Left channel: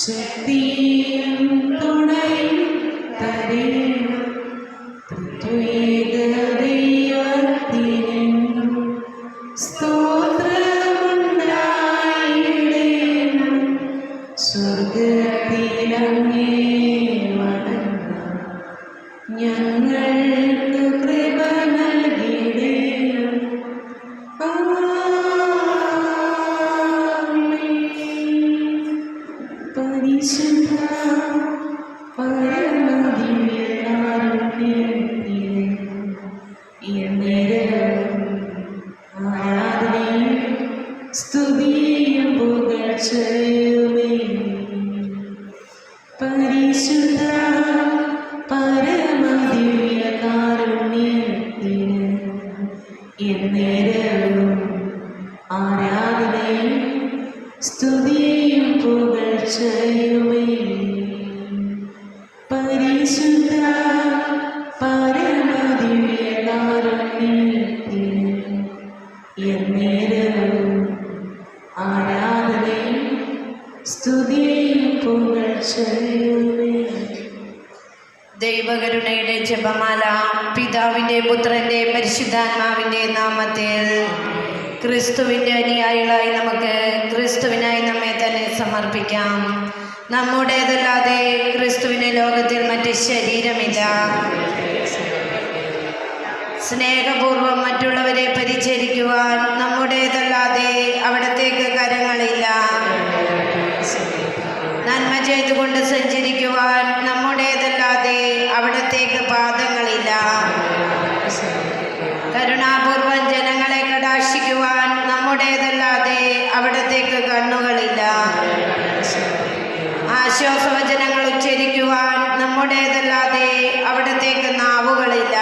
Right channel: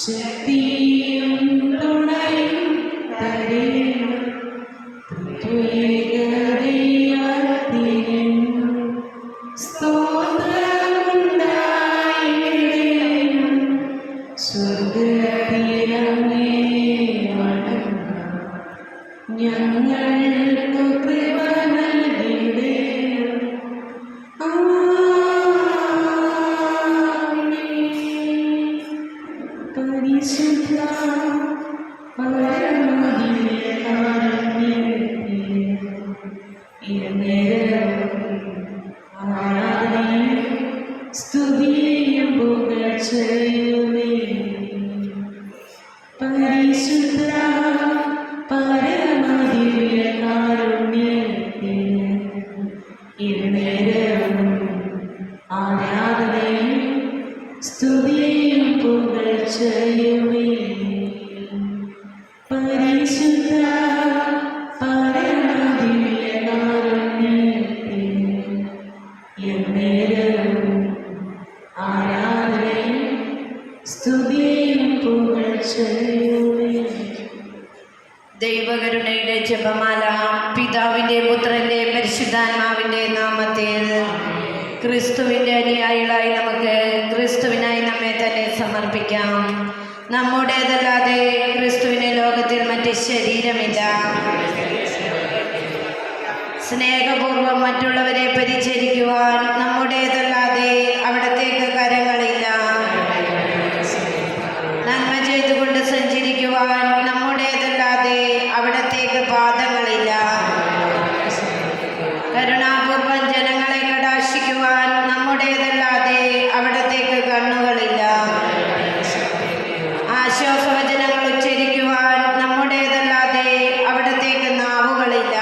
ശക്തിയും തുണയും തരേണം ദൈവത്തിനും സ്തോത്രമുണ്ടായിടേണം. സ്വർഗ്ഗത്തിലങ്ങേ വണങ്ങാം, ഞങ്ങൾക്ക് കൃപ നൽകിടേണം. പരിശുദ്ധ ആരാധനയും സ്തുതിയും പുകഴ്ചയുമേ. പരിശുദ്ധ പരമദിവ്യകാരുണ്യത്തിന് എന്നേരവും ആരാധനയും സ്തുതിയും പുകഴ്ചയുമേ. പരിശുദ്ധ പരമദിവ്യകാരുണ്യത്തിന് എന്നേരവും ആരാധനയും സ്തുതിയും പുകഴ്ചയുമേ. ദൈവകരുണയുടെ ജപമാല. പിതാവിന്റെ പുത്രന്റെ പരിശുദ്ധാത്മാവിന്റെ നാമത്തിൽ. ക്രിസ്തുവിന്റെ അനുയായികളായി നമുക്ക് ക്രിസ്തുവിനായി നമ്മെ തന്നെ സമർപ്പിക്കാം. നമ്മുടേതല്ലാതെ ക്രിസ്തുവിന് ലോകത്തിൽ മറ്റ് ശരീരമില്ല. സ്നേഹപൂർവം മറ്റുള്ളവരെ പരിചരിക്കുവാൻ നമ്മുടേതല്ലാതെ അവിടത്തേക്ക് കരങ്ങളില്ല. നന്മ ചെയ്തുകൊണ്ട് സഞ്ചരിക്കുവാൻ നമ്മുടേതല്ലാതെ അവിടത്തേക്ക് പാദങ്ങളില്ല. കരുണാപൂർവം ജനങ്ങളെ കടാക്ഷിക്കുവാൻ നമ്മുടേതല്ലാതെ അവിടത്തേക്ക് കണ്ണുകളില്ല. ആശ്വാസവചനങ്ങൾ ഉച്ചരിക്കുവാൻ നമ്മുടേതല്ലാതെ അവിടത്തേക്ക് നാവുകളില്ല.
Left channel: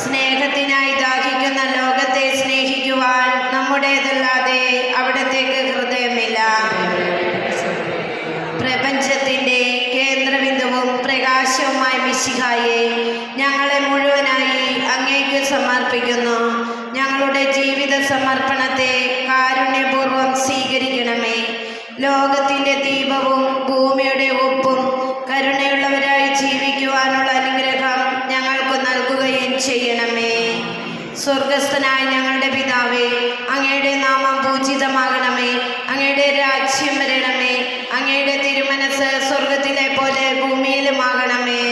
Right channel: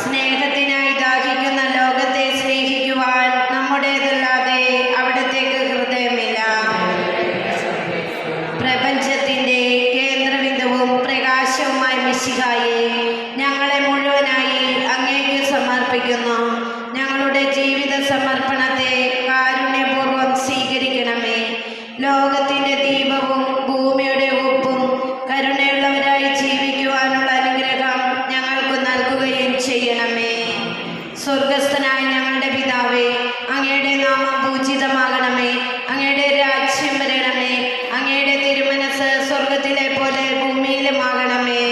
സ്നേഹത്തിനായി ദാഹിക്കുന്ന ലോകത്തെ സ്നേഹിക്കുവാൻ നമ്മുടേതല്ലാതെ അവിടത്തേക്ക് ഹൃദയമില്ല. പ്രപഞ്ചത്തിന്റെ കേന്ദ്രബിന്ദുവും പ്രകാശവുമായ മിശിഹായെ, ഞങ്ങളെ മുഴുവനായി അങ്ങേക്ക് സമർപ്പിക്കുന്നു. ഞങ്ങളുടെ ജീവിത സമർപ്പണത്തെ കാരുണ്യപൂർവ്വം സ്വീകരിക്കണമേ. ലോകത്തിന്റെ ദീപവും ഭൂമിയുടെ ഉപ്പും കരുണയുള്ളവരായി ജീവിക്കുവാനുള്ള അനുഗ്രഹം ഞങ്ങൾക്ക് നൽകുകയും ചെയ്യണമേ. സ്വർഗസ്ഥനായ ഞങ്ങളുടെ പിതാവേ, അങ്ങയുടെ നാമം പൂജിതമാകണമേ. അങ്ങയുടെ രാജ്യം വരണമേ. അങ്ങയുടെ തിരുമനസ് സ്വർഗത്തിലെ പോലെ ഭൂമിയിലുമാകണമേ.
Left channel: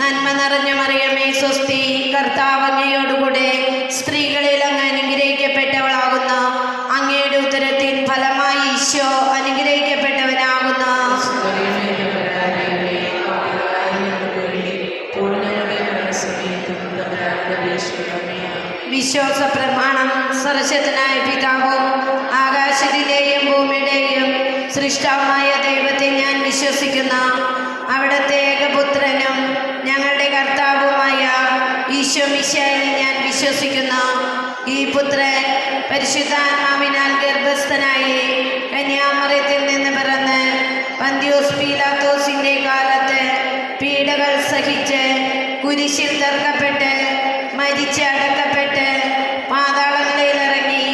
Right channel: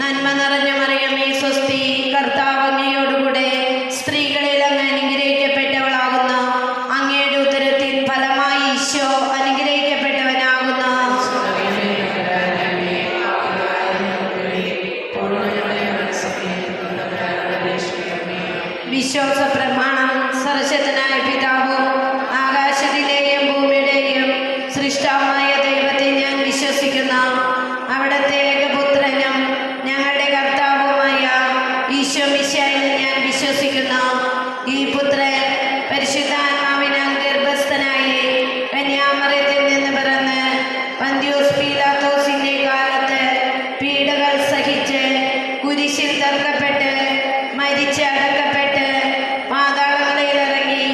നന്മ നിറഞ്ഞ മറിയമേ, സ്വസ്തി, കർത്താവ് അങ്ങയോടുകൂടെ സ്ത്രീകളിൽ അങ്ങ് അനുഗ്രഹിക്കപ്പെട്ടവളാകുന്നു. അങ്ങയുടെ ഉദരത്തിൻ ഫലമായി ഈശോ അനുഗ്രഹിക്കപ്പെട്ടവനാകുന്നു. വിശ്വാസ പ്രമാണം. സർവശക്തനായ പിതാവും ആകാശത്തിലെയും ഭൂമിയുടെയും സൃഷ്ടാവുമായ ദൈവത്തെ ഞാൻ വിശ്വസിക്കുന്നു. അവിടുത്തെ ഏകപുത്രനും ഞങ്ങളുടെ കർത്താവുമായ ഈശോ മിശിഹായെ ഞാൻ വിശ്വസിക്കുന്നു. ഈ പുത്രൻ പരിശുദ്ധാത്മാവിനാൽ ഗർഭസ്ഥനായി കന്യാമറിയത്തിൽ നിന്ന് പിറന്ന് പന്തിയോസ് പീലാത്തോസിന്റെ കാലത്ത് പീഡകൾ സഹിച്ച് കുരിശിൽ തറക്കപ്പെട്ട് മരിച്ച് അടക്കപ്പെട്ട് പാതാളങ്ങളിൽ ഇറങ്ങി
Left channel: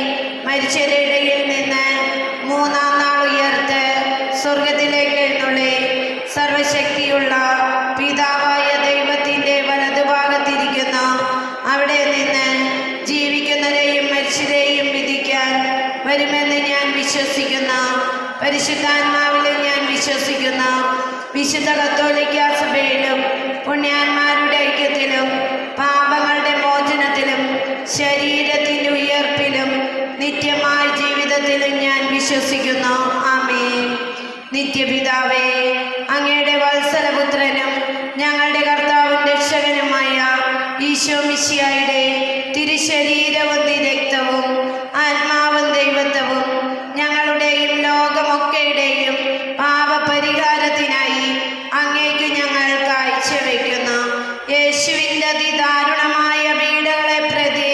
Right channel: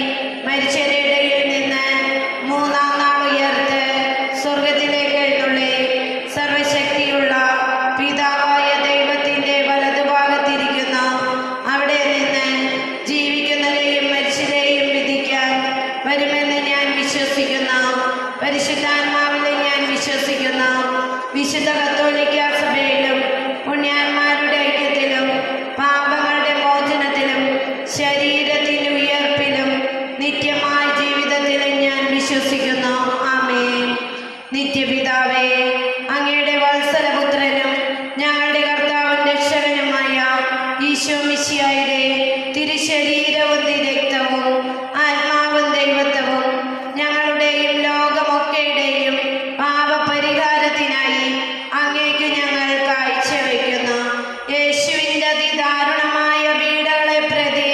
മരിച്ചവരുടെ ഇടയിൽ നിന്ന് മൂന്നാം നാൾ ഉയർത്ത് സ്വർഗത്തിലേക്ക് എഴുന്നള്ളി സർവശക്തിയുള്ള പിതാവായ ദൈവത്തിന്റെ വലതുഭാഗത്തിരിക്കുന്നു. അവിടെ നിന്ന് ജീവിക്കുന്നവരെയും മരിച്ചവരെയും വിധിക്കാൻ വരുമെന്ന് ഞാൻ വിശ്വസിക്കുന്നു. പരിശുദ്ധാത്മാവിലും ഞാൻ വിശ്വസിക്കുന്നു. വിശുദ്ധ കത്തോലിക്ക സഭയിലും പുണ്യാന്മാരുടെ ഐക്യത്തിലും പാപങ്ങളുടെ മോചനത്തിലും ശരീരത്തിന്റെ ഉയർപ്പിലും നിത്യമായ ജീവിതത്തിലും ഞാൻ വിശ്വസിക്കുന്നു. ആമേൻ. നിത്യപിതാവേ, അങ്ങയുടെ വത്സലപുത്രനും ഞങ്ങളുടെ കർത്താവും രക്ഷകനുമായ ഈശോ മിശിഹായുടെ തിരുശരീരവും തിരക്തവും ആത്മാവും ദൈവത്വവും ഞങ്ങളുടെയും ലോകമൊക്കെയുടെയും പാപപരിഹാരത്തിനായി അങ്ങേക്ക് ഞങ്ങൾ കാഴ്ചവെക്കുന്നു. യേശുവിൻ്റെ അതിദാരുണമായ പീഡകളെ പ്രതി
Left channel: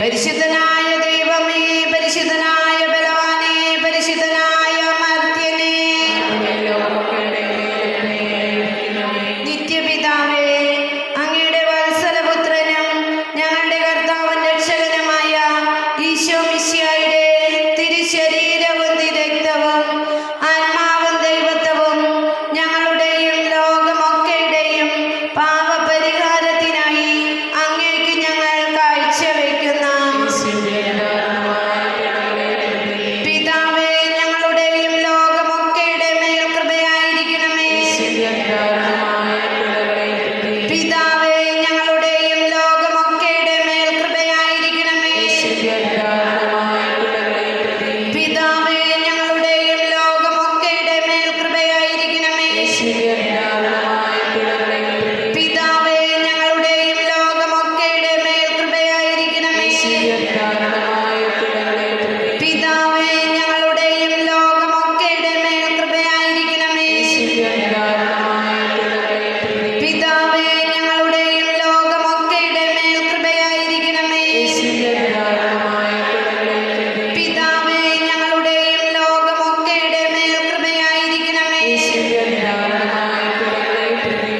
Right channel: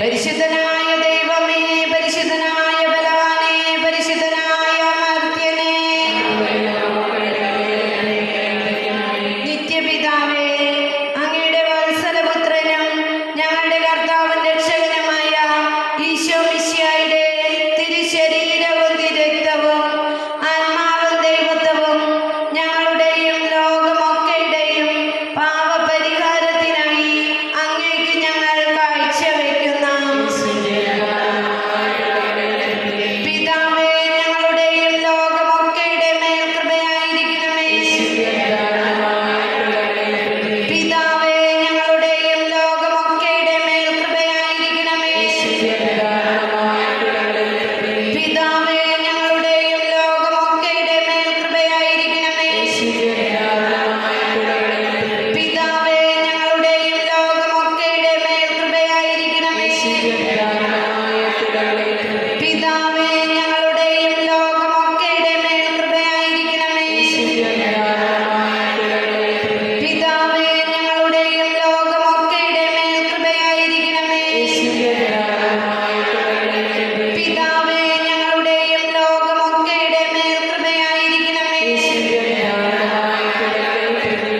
പരിശുദ്ധനായ ദൈവമേ, പരിശുദ്ധനായ ബലവാനേ, പരിശുദ്ധനായ അമർത്യനേ, നിത്യപിതാവേ, അങ്ങയുടെ വത്സലപുത്രനും ഞങ്ങളുടെ കർത്താവും രക്ഷകനുമായ ഈശോ മിശിഹായുടെ തിരുശരീരവും തിരുരക്തവും ആത്മാവും ദൈവത്വവും ഞങ്ങളുടെയും ലോകമൊക്കെയുടെയും പാപപരിഹാരത്തിനായി അങ്ങേക്ക് ഞങ്ങൾ കാഴ്ചവെക്കുന്നു. പിതാവേ, ഞങ്ങളുടെയും ലോകമൊക്കെയുടെ മേൽ കൃപയായിരിക്കണമേ. പിതാവേ, ഞങ്ങളുടെയും ലോകമൊക്കെയുടെ മേൽ കൃപയായിരിക്കണമേ. പിതാവേ, ഞങ്ങളുടെയും ലോകമൊക്കെയുടെ മേൽ കൃപയായിരിക്കണമേ. പിതാവേ, ഞങ്ങളുടെയും ലോകമൊക്കെയുടെ മേൽ കൃപയായിരിക്കണമേ. പിതാവേ, ഞങ്ങളുടെയും ലോകമൊക്കെയുടെ മേൽ കൃപയായിരിക്കണമേ. പിതാവേ, ഞങ്ങളുടെയും ലോകമൊക്കെയുടെ മേൽ കൃപയായിരിക്കണമേ. പിതാവേ, ഞങ്ങളുടെയും ലോകമൊക്കെയുടെ മേൽ കൃപയായിരിക്കണമേ.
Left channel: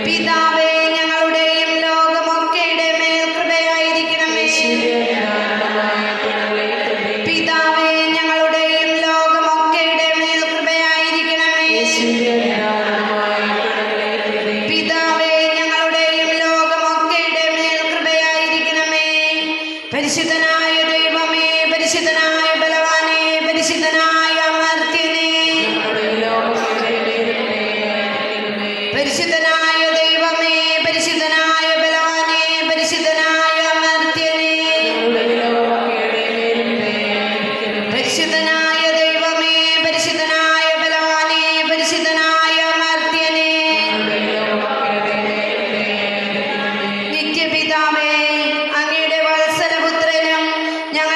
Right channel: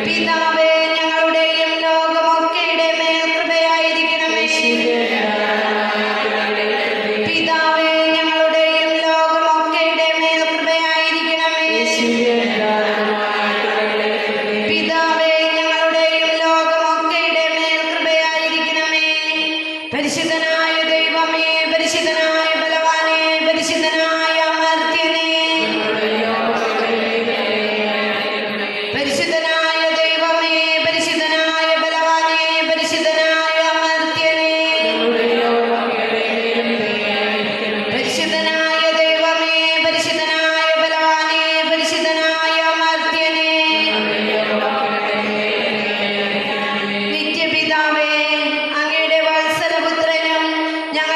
പിതാവേ, ഞങ്ങളുടെയും ലോകമൊക്കെയുടെ മേൽ കൃപയായിരിക്കണമേ. പിതാവേ, ഞങ്ങളുടെയും ലോകമൊക്കെയുടെ മേൽ കൃപയായിരിക്കണമേ. പിതാവേ, ഞങ്ങളുടെയും ലോകമൊക്കെയുടെ മേൽ കൃപയായിരിക്കണമേ. പരിശുദ്ധനായ ദൈവമേ, പരിശുദ്ധനായ ബലവാനേ, പരിശുദ്ധനായ അമർത്യനേ, പരിശുദ്ധനായ ദൈവമേ, പരിശുദ്ധനായ ബലവാനേ, പരിശുദ്ധനായ അമർത്യനേ, പരിശുദ്ധനായ ദൈവമേ, പരിശുദ്ധനായ ബലവാനേ, പരിശുദ്ധനായ അമർത്യനേ, നിത്യപിതാവേ, അങ്ങയുടെ വത്സലപുത്രനും ഞങ്ങളുടെ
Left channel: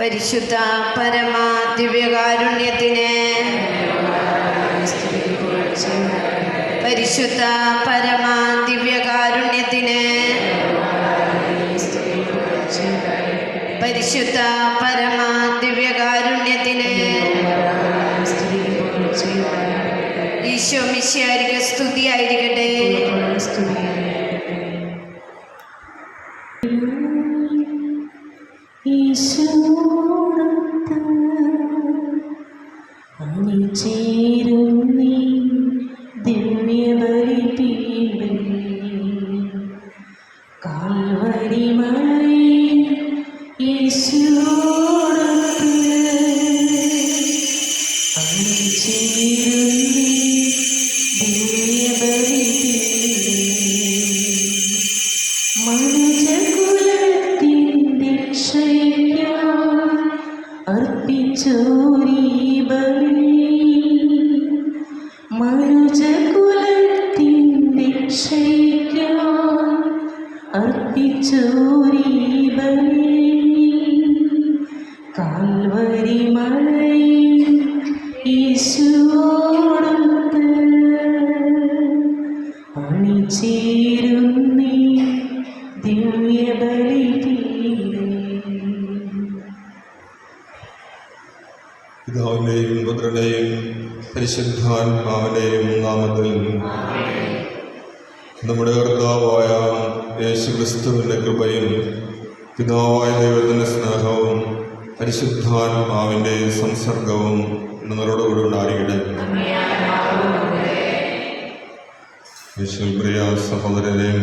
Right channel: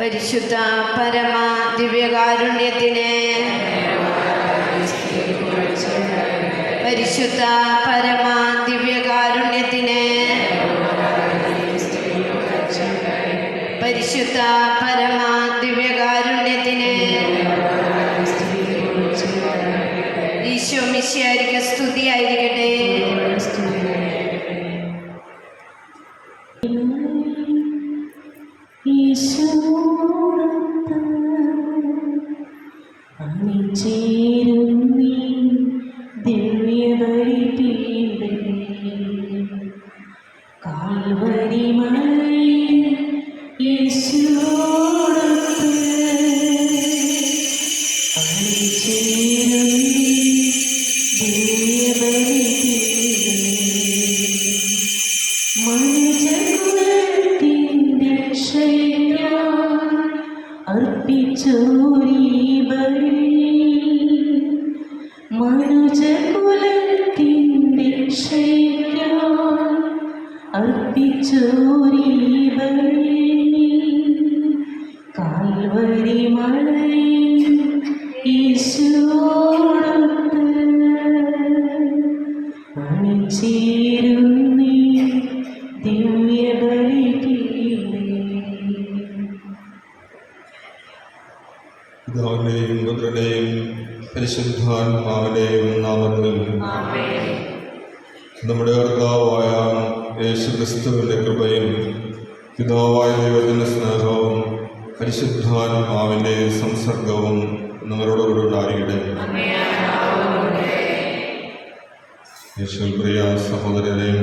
പരിശുദ്ധ പരമ ദിവ്യകാരുണ്യത്തിന്, പരിശുദ്ധ പരമ ദിവ്യകാരുണ്യത്തിന്, പരിശുദ്ധ പരമ ദിവ്യകാരുണ്യത്തിന് ഈശോ മിശിഹായ്ക്ക് സ്തുതിയായിരിക്കട്ടെ. ചേരുന്നീ ദിവ്യബലിപീഠേ, കാൽവരി മലയിൽ യേശുവോടൊത്ത് അണിചേരുന്നീ ദിവ്യബലിപീഠേ, മനുജകുലത്തിൻ്റെ രക്ഷയ്ക്കായി അർപ്പിച്ചോരീ ബലി, മനുജകുലത്തിൻ്റെ രക്ഷയ്ക്കായി അർപ്പിച്ചോരീ ബലി, കാൽവരി മലയിൽ യേശുവോടൊത്ത് അണിചേരുന്നീ ദിവ്യബലിപീഠേ. പിതാവിന്റെയും പുത്രന്റെയും പരിശുദ്ധാത്മാവിന്റെയും നാമത്തിൽ നമ്മുടെ കർത്താവായ യേശുക്രിസ്തുവിന്റെ കൃപയും പിതാവായ ദൈവത്തിന്റെ സ്നേഹവും പരിശുദ്ധാത്മാവിന്റെ സംസർഗവും നിങ്ങളോടുകൂടി ഉണ്ടായിരിക്കട്ടെ. യേശുവിൽ പ്രിയ സഹോദരരെയും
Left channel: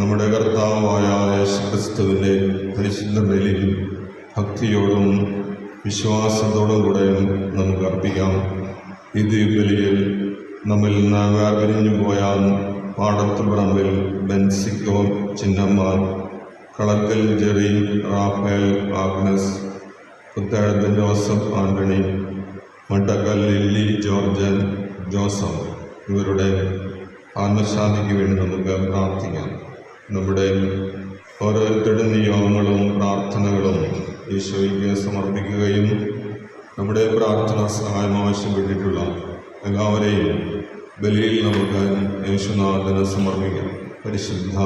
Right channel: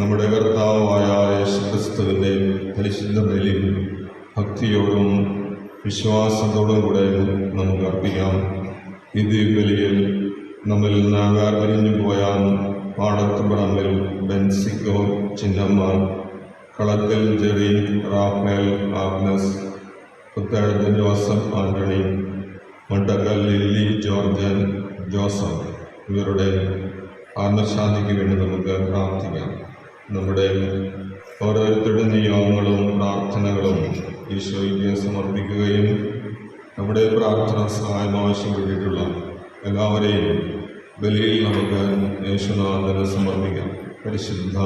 നമ്മുടെ കർത്താവായ യേശുക്രിസ്തുവിന്റെ പരിശുദ്ധ ബലിയിൽ ഭക്തിയോടും വിശ്വാസത്തോടും കൂടെ നമുക്ക് അർപ്പിക്കാം. ഈ ദിവ്യബലിയിൽ നമ്മിൽ നിന്ന് വേർപിരിഞ്ഞു പോയ പാടത്ത് പറമ്പിൽ ബെൻസിക്കോ ചിന്നമ്മാൻ, Kalakkal Jerry, Raphael, Agnes, Puthazhath Joseph Antony, Mattakkal Lilly, ജോർജൻ, ജോസഫ് ഇവരുടെ ആത്മശാന്തിക്ക് വേണ്ടി നമുക്ക് പ്രാർത്ഥിക്കാം. നമ്മുടെ ഓരോരുത്തരുടെ നിയോഗങ്ങളും പ്രാർത്ഥനകളും ഈശോയ്ക്ക് സമർപ്പിക്കുകയും നമ്മുടെ പ്രാർത്ഥന സഹായം ആവശ്യപ്പെട്ടിട്ടുള്ള എല്ലാവരെയും ബലിയിൽ നമുക്ക് യേശുനാഥന് സമർപ്പിക്കാം. പരിശുദ്ധ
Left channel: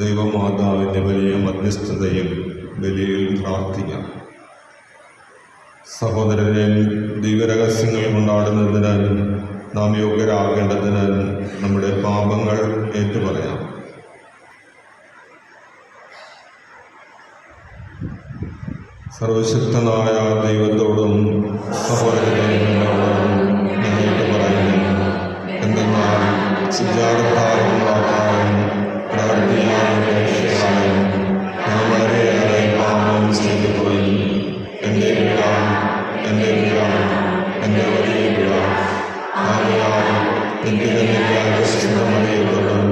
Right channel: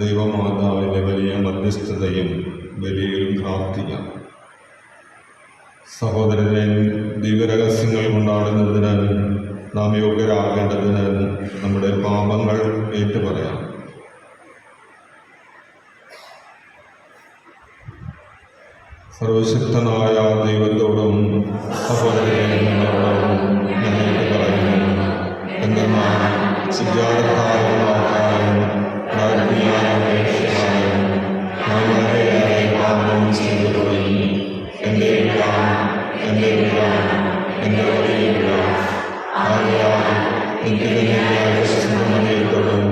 ദൈവമാതാവിൻ്റെ വലിയ മധ്യസ്ഥതയും ബലിയിൽ പ്രാർത്ഥിക്കാം. സഹോദരനെ, ദിവ്യരഹസ്യങ്ങൾ കൊണ്ടാടുന്നതിന് നാം യോഗ്യരാകേണ്ടതിന് നമ്മുടെ പാപങ്ങൾ ഏറ്റുപറയാം. സർവശക്തനായ ദൈവത്തോടും സഹോദരങ്ങളോടും ഞങ്ങൾക്ക് പറയുന്നു. എന്തെന്നാൽ വിചാരത്താലും വാക്കാലും പ്രാർത്ഥനയാലും ഞാൻ വളരെയേറെ പാപം ചെയ്തുപോയി. എൻ്റെ എൻ്റെ വലിയ ആകയാൽ നിത്യനിത്യത്തോടും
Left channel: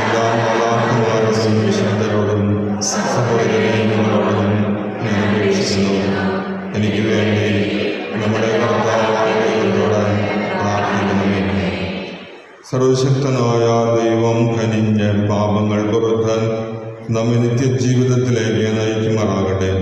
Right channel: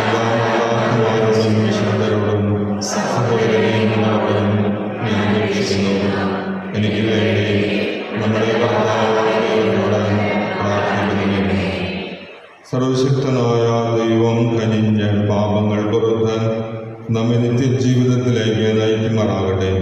എല്ലാ മാതാപിതാക്കളോടും വിശുദ്ധരോടും സഹോദരങ്ങളോടും ഞാൻ അപേക്ഷിക്കുന്നു. എനിക്ക് വേണ്ടി നമ്മുടെ കർത്താവിനോട് പ്രാർത്ഥിക്കുന്നു. സർവശക്തനായ ദൈവം കനിഞ്ഞ പാപങ്ങൾ പുറത്താൻ നമ്മെ നിത്യജീവിതത്തിലേക്ക് നയിക്കുമാറാകട്ടെ.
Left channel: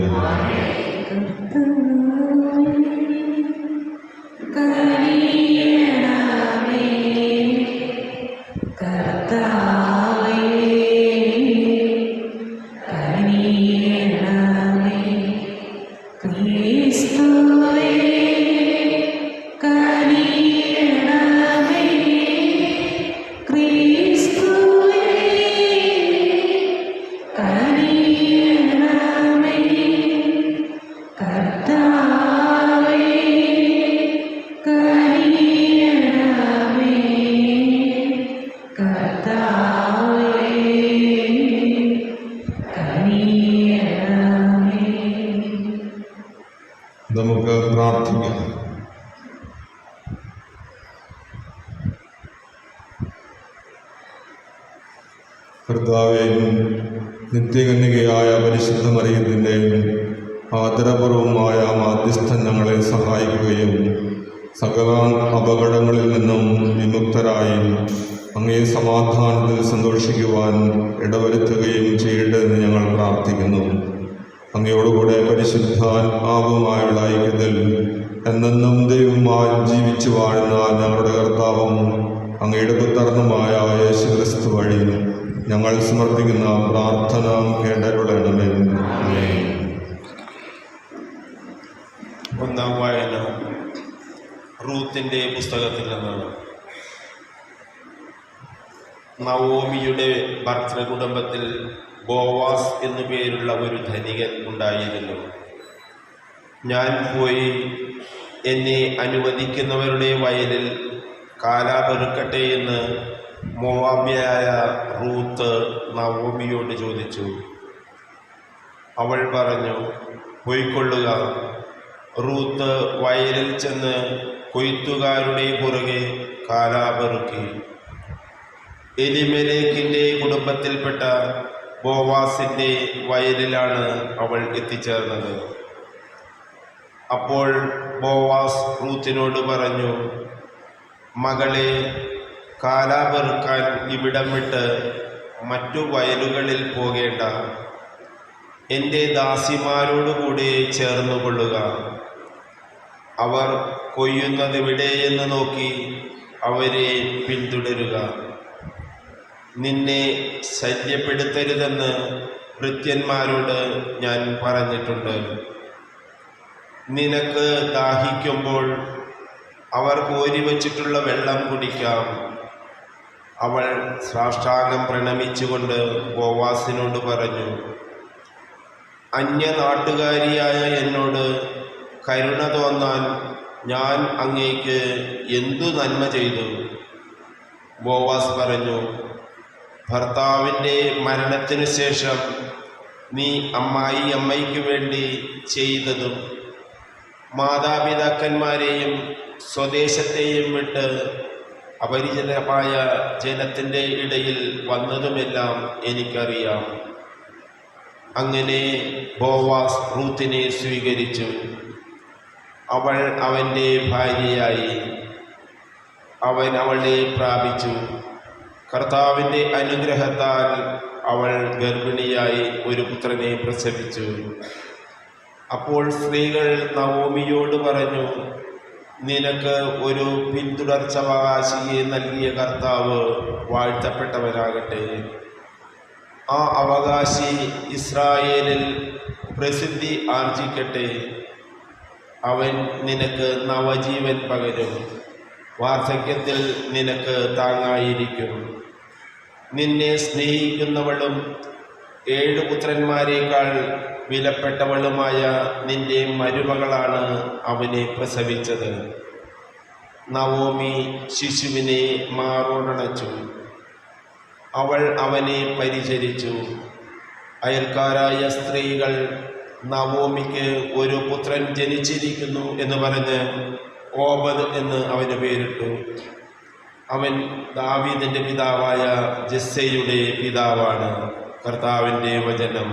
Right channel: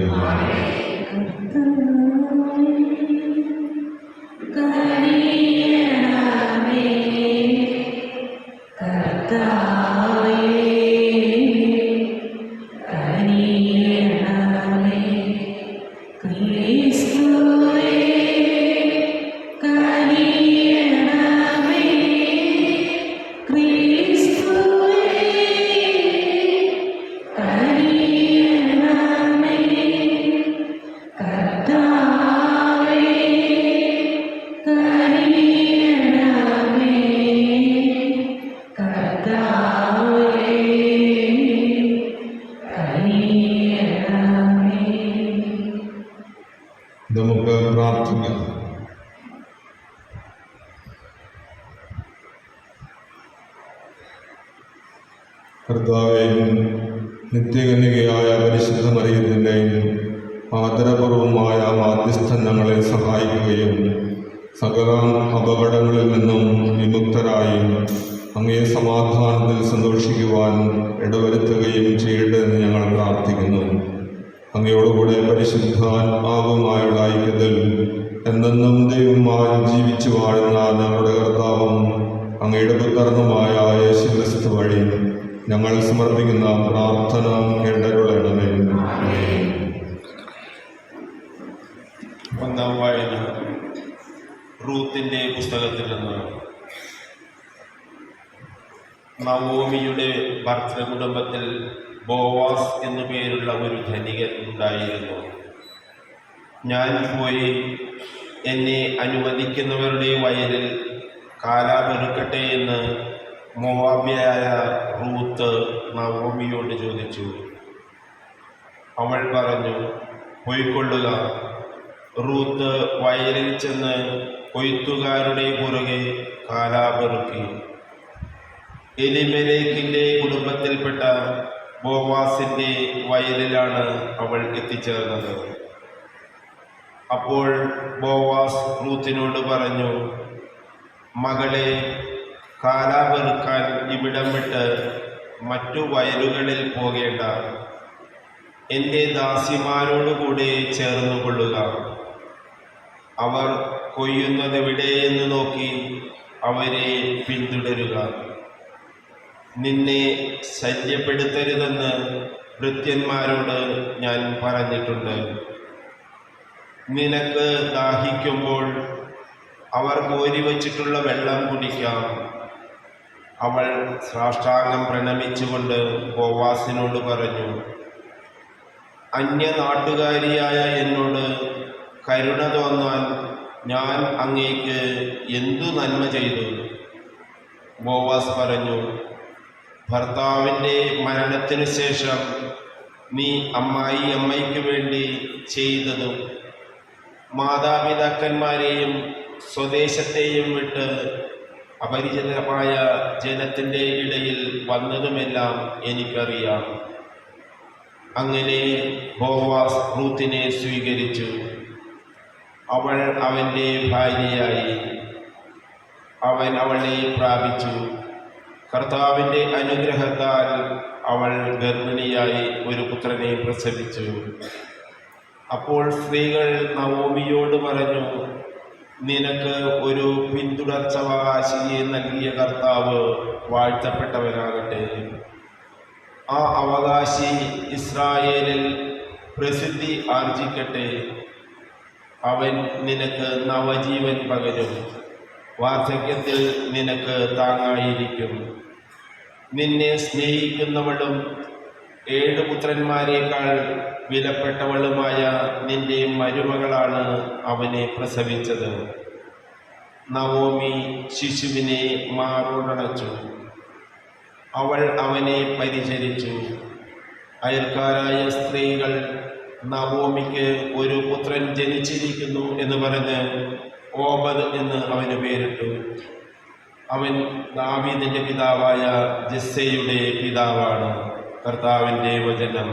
നമുക്ക് പ്രാർത്ഥിക്കാം. കർത്താവേയും നിത്യകന്യകയായ പരിശുദ്ധ മറിയത്തിൻ്റെയും ആദരപൂർവമായ മാധ്യസ്ഥം ഞങ്ങളെ സഹായിക്കുകയും സകല അപകടങ്ങളിൽ നിന്നും വിമുക്തരായും അങ്ങേ സമാധാനത്തിൽ സന്തോഷിക്കുവാൻ ഇടവരുത്തുകയും ചെയ്യട്ടെന്ന് ഞങ്ങൾ പ്രാർത്ഥിക്കുന്നു. അങ്ങയോടുകൂടെ പരിശുദ്ധാത്മാവുമായുള്ള ഐക്യത്തിൽ എന്നെന്നും ദൈവമായി ജീവിച്ചു വാഴുന്ന ഞങ്ങളുടെ കർത്താവും അങ്ങയുടെ പുത്രനുമായ യേശുക്രിസ്തു വഴി ഞങ്ങൾ സമർപ്പിക്കുന്ന പ്രാർത്ഥന കേട്ടുകൊള്ളണമേ. ഒന്നാം വായന റൂത്തിന്റെ പുസ്തകത്തിൽ നിന്ന്. നവോമിയുടെ ഭർത്തൃകുടുംബത്തിൽ ബോവാസ് എന്നു പേരുള്ള ഒരു ധനികൻ ഉണ്ടായിരുന്നു. ഞാൻ പോയി എന്നെ അനുവദിക്കുന്നവരുടെ വയലിൽ കാലാപെറുക്കട്ടെ എന്ന് മോവാബ്യയായ റൂത്ത് നവോമിയോട് ചോദിച്ചു. അവൾ പറഞ്ഞു, പോയിക്കൊള്ളുക. റൂത്ത് വയലിൽ ചെന്ന് കൊയ്ത്തുകാരുടെ പുറകെ കാലാപെറുക്കി. എലിമെലേക്കിൻ്റെ കുടുംബത്തിൽപ്പെട്ട ബോവാസിൻ്റെ വയലിലാണ് അവൾ എത്തിച്ചേർന്നത്. അപ്പോൾ ബോവാസ് റൂത്തിനോട് പറഞ്ഞു, മകളെ, കാലാപെറുക്കാൻ ഇവിടം വിട്ട് മറ്റു വയലുകളിൽ പോകേണ്ട. എൻ്റെ ദാസിമാരോടുകൂടെ ചേർന്നുകൊള്ളുക. അവർ കൊയ്യുന്നതെവിടെയെന്ന് നോക്കി അവരെ പിന്തുടരുക. നിന്നെ ശല്യപ്പെടുത്തരുതെന്ന് ഭൃത്യന്മാരോട് ഞാൻ പറഞ്ഞിട്ടുണ്ട്. നിനക്ക് ദാഹിക്കുമ്പോൾ അവർ കോരി വച്ചിട്ടുള്ള വെള്ളം കുടിക്കാം. അവൾ സാഷ്ടാംഗം പ്രണമിച്ചുകൊണ്ട് ബോവാസിനോട് പറഞ്ഞു, അന്യനാട്ടുകാരിയായ എന്നോട് കരുണ തോന്നാൻ ഞാൻ അങ്ങേക്ക് എന്തു നന്മ ചെയ്തു? ബോവാസ് പറഞ്ഞു, ഭർത്താവിൻ്റെ മരണത്തിനു ശേഷം നീ അമ്മയ്ക്ക് വേണ്ടി ചെയ്തതും മാതാപിതാക്കന്മാരെയും സ്വദേശത്തെയും വിട്ട് അപരിചിതമായ ജനത്തിൻ്റെ ഇടയിൽ വന്നതുമെല്ലാം എനിക്കറിയാം. അങ്ങനെ ബോവാസ് റൂത്തിനെ സ്വീകരിച്ചു. അവൾ അവൻ്റെ ഭാര്യയായി. അവൻ അവളെ പ്രാപിച്ചു. കർത്താവിൻ്റെ അനുഗ്രഹത്താൽ അവൾ ഗർഭിണിയായി ഒരു പുത്രനെ പ്രസവിച്ചു. അപ്പോൾ സ്ത്രീകൾ നവോമിയോട് പറഞ്ഞു, നിനക്ക് ഒരു പിന്തുടർച്ചാവകാശിയെ നൽകിയ കർത്താവ് വാഴ്ത്തപ്പെട്ടവനാകട്ടെ. ആ അവകാശി ഇസ്രായേലിൽ പ്രസിദ്ധി ആർജിക്കട്ടെ. അവൻ നിനക്ക് നവജീവൻ പകരും. വാർദ്ധക്യത്തിൽ നിനക്ക് താങ്ങായിരിക്കും. നിന്നെ സ്നേഹിക്കുന്നവളും 7 പുത്രന്മാരെക്കാൾ വിലപ്പെട്ടവളുമായ നിന്റെ മരുമകളാണ് അവനെ പ്രസവിച്ചത്. നവോമി ശിശുവിനെ മാറോടണച്ചു. അവൾ അവനെ പരിചരിച്ചു. അയൽക്കാരായ സ്ത്രീകൾ നവോമിക്ക് ഒരു പുത്രൻ ജനിച്ചിരിക്കുന്നു എന്ന് പറഞ്ഞ് ഓബദ് എന്ന് അവന് പേരിട്ടു. അവൻ ദാവീദിന്റെ പിതാവായ ജെസ്സയുടെ പിതാവാണ്. കർത്താവിൻ്റെ വചനം.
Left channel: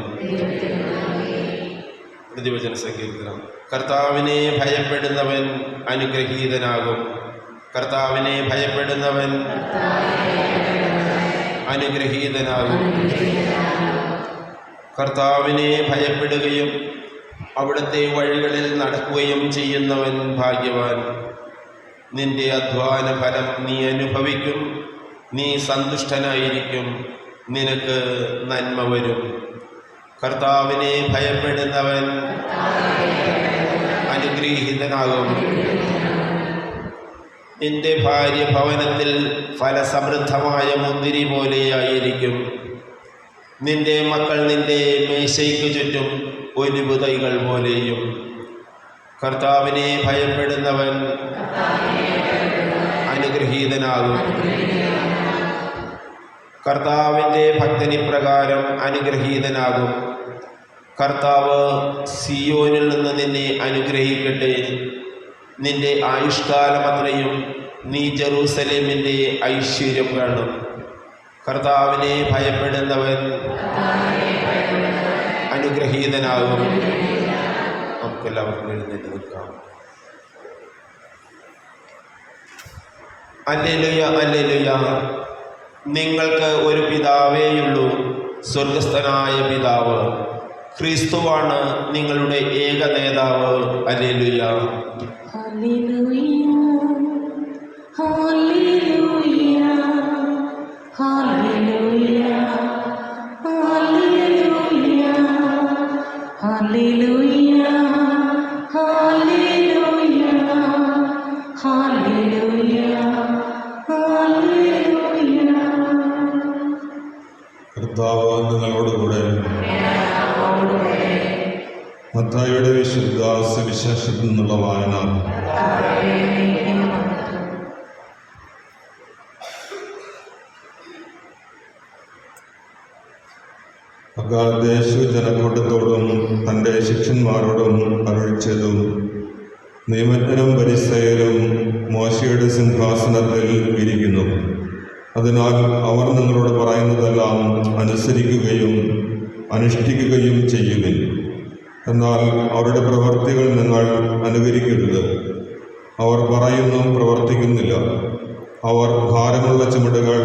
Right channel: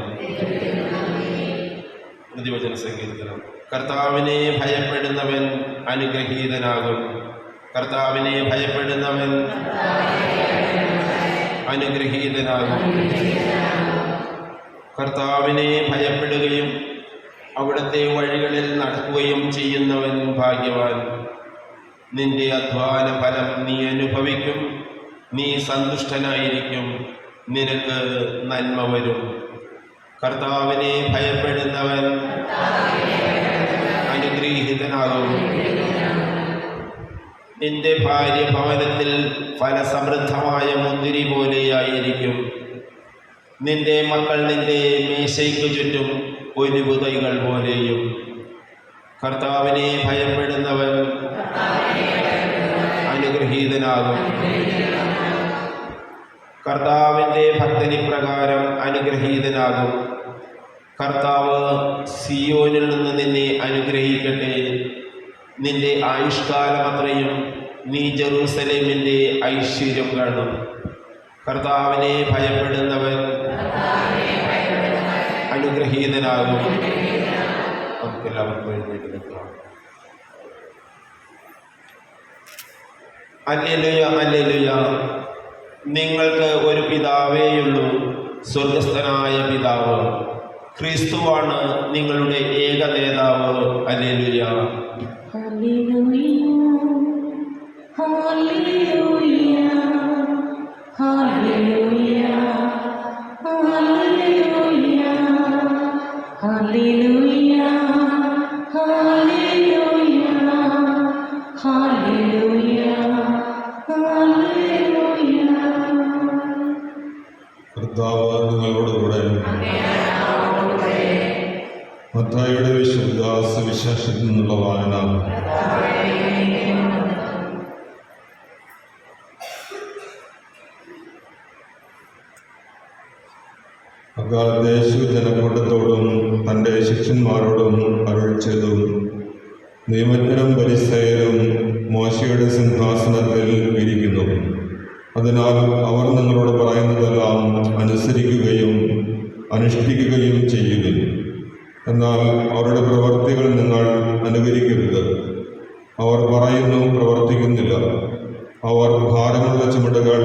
പ്രതിവചന സങ്കീർത്തനം. കർത്താവിനെ ഭയപ്പെടുന്നവൻ അനുഗ്രഹീതനാകും. കർത്താവിനെ ഭയപ്പെടുന്നവൻ അനുഗ്രഹീതനാകും. കർത്താവിനെ ഭയപ്പെടുകയും അവിടുത്തെ വഴികളിൽ നടക്കുകയും ചെയ്യുന്നവൻ ഭാഗ്യവാൻ. നിന്റെ അധ്വാന ഫലം നീ അനുഭവിക്കും. നീ സന്തുഷ്ടനായിരിക്കും. നിനക്ക് നന്മ വരും. കർത്താവിനെ ഭയപ്പെടുന്നവൻ അനുഗ്രഹീതനാകും. നിന്റെ ഭാര്യ ഭവനത്തിൽ ഫലസമൃദ്ധമായ മുന്തിരി പോലെയായിരിക്കും. നിന്റെ മക്കൾ നിന്റെ മേശയ്ക്ക് ചുറ്റും ഒലിവ് തൈകൾ പോലെയും. കർത്താവിനെ ഭയപ്പെടുന്നവൻ അനുഗ്രഹീതനാകും. കർത്താവിൻ്റെ ഭക്തനി പ്രകാരം അനുഗ്രഹീതനാകും. കർത്താവ് സിയോനിൽ നിന്ന് നിന്നെ അനുഗ്രഹിക്കട്ടെ. നിന്റെ ആയുഷ്കാലമത്രയും നീ ജെറൂസലേമിൻ്റെ ഐശ്വര്യം കാണും. കർത്താവിനെ ഭയപ്പെടുന്നവൻ അനുഗ്രഹീതനാകും. നമുക്കെല്ലാവർക്കും എഴുന്നേറ്റ് നിൽക്കാം. Hallelujah, hallelujah. നിങ്ങൾക്ക് ഒരു പിതാവേയുള്ളൂ, സ്വർഗസ്ഥനായ പിതാവ്. ക്രിസ്തുവാണ് നിങ്ങളുടെ ഏക നേതാവ്. Hallelujah. Hallelujah, hallelujah, hallelujah, hallelujah, hallelujah, hallelujah, hallelujah, hallelujah. കർത്താവ് നിങ്ങളോടുകൂടെ. മത്തായിയുടെ വിശുദ്ധ സുവിശേഷത്തിൽ നിന്നുള്ള വായന. അക്കാലത്ത് യേശു ജനക്കൂട്ടത്തോടും തൻ്റെ ശിഷ്യന്മാരോടും അരുളിച്ചതും, നിയമജ്ഞരും ഫരിസയരും മോശയുടെ സിംഹാസനത്തിൽ ഇരിക്കുന്നു. അതിനാൽ അവർ നിങ്ങളോട് പറയുന്നതെല്ലാം അനുസരിക്കുകയും അനുഷ്ഠിക്കുകയും ചെയ്യുവിൻ. എന്നാൽ അവരുടെ പ്രവൃത്തികൾ നിങ്ങൾ അനുകരിക്കരുത്. അവർ പറയുന്നു, പ്രവർത്തിക്കുന്നില്ല. അവർ ഭാരമുള്ള ചുമടുകൾ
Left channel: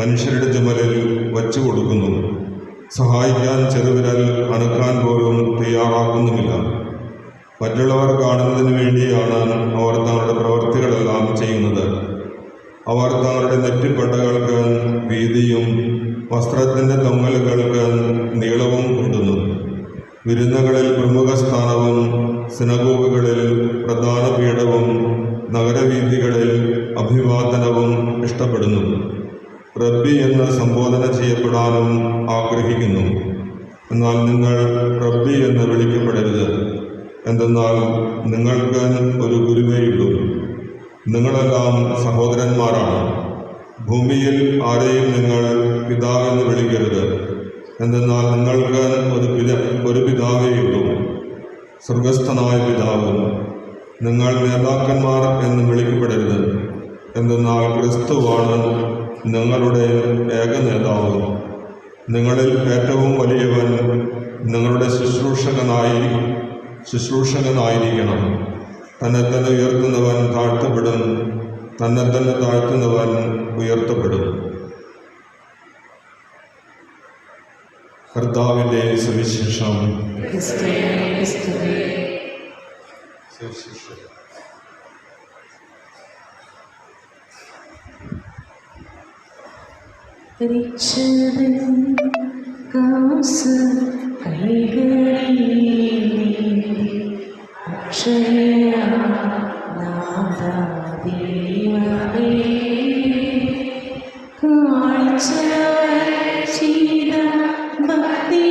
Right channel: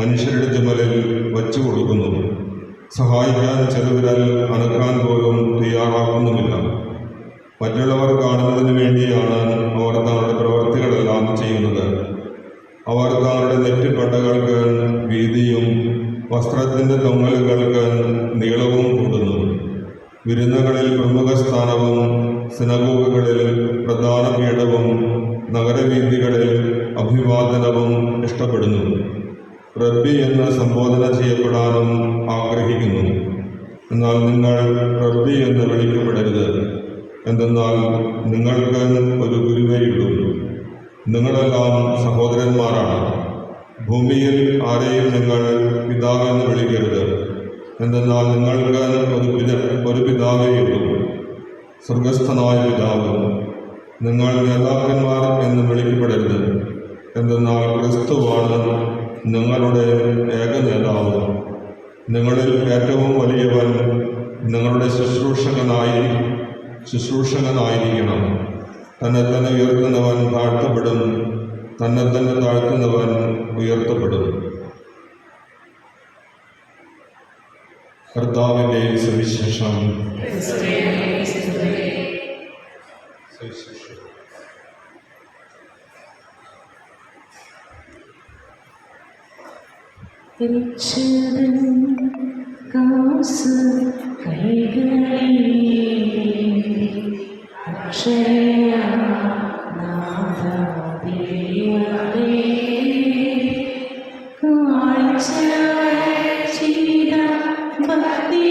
മനുഷ്യരുടെ ചുമലിൽ വച്ചു കൊടുക്കുന്നു. സഹായിക്കാൻ ചെറുവിരൽ അനക്കാൻ പോലും തയ്യാറാക്കുന്നുമില്ല. മറ്റുള്ളവർ കാണുന്നതിന് വേണ്ടിയാണ് അവർ തങ്ങളുടെ പ്രവൃത്തികളെല്ലാം ചെയ്യുന്നത്. അവർ തങ്ങളുടെ നെറ്റിപ്പട്ടകൾക്ക് വീതിയും വസ്ത്രത്തിൻ്റെ തൊങ്ങലുകൾക്ക് നീളവും കൂടുന്നു. വിരുന്നുകളിൽ പ്രമുഖ സ്ഥാനവും സിനഗോഗുകളിൽ പ്രധാന പീഠവും നഗരവീഥികളിൽ അഭിവാദനവും ഇഷ്ടപ്പെടുന്നു. റബ്ബി എന്ന് സംബോധന ചെയ്യപ്പെടാനും ആഗ്രഹിക്കുന്നു. എന്നാൽ നിങ്ങൾ റബ്ബി എന്ന് വിളിക്കപ്പെടരുത്. എന്തെന്നാൽ നിങ്ങൾക്ക് ഒരു ഗുരുവേയുള്ളൂ. നിങ്ങളെല്ലാം സഹോദരന്മാരാണ്. ഭൂമിയിൽ ആരെയും നിങ്ങൾ പിതാവെന്ന് വിളിക്കരുത്. എന്തെന്നാൽ നിങ്ങൾക്ക് ഒരു പിതാവേയുള്ളൂ, സ്വർഗസ്ഥനായ പിതാവ്. നിങ്ങൾ നേതാക്കന്മാർ എന്ന് വിളിക്കപ്പെടരുത്. എന്തെന്നാൽ ക്രിസ്തുവാണ് നിങ്ങളുടെ ഏക നേതാവ്. നിങ്ങളിൽ ഏറ്റവും വലിയവൻ നിങ്ങളുടെ ശുശ്രൂഷകനായിരിക്കണം. തന്നെ തന്നെ ഉയർത്തുന്നവൻ താഴ്ത്തപ്പെടും, തന്നെ തന്നെ താഴ്ത്തുന്നവൻ ഉയർത്തപ്പെടും. കർത്താവിൻ്റെ സുവിശേഷം. കാസ് കൈകളിൽ അക്ഷയ നാദാദിയായി കാഴ്ചയായി ചെയ്ത ഭക്തി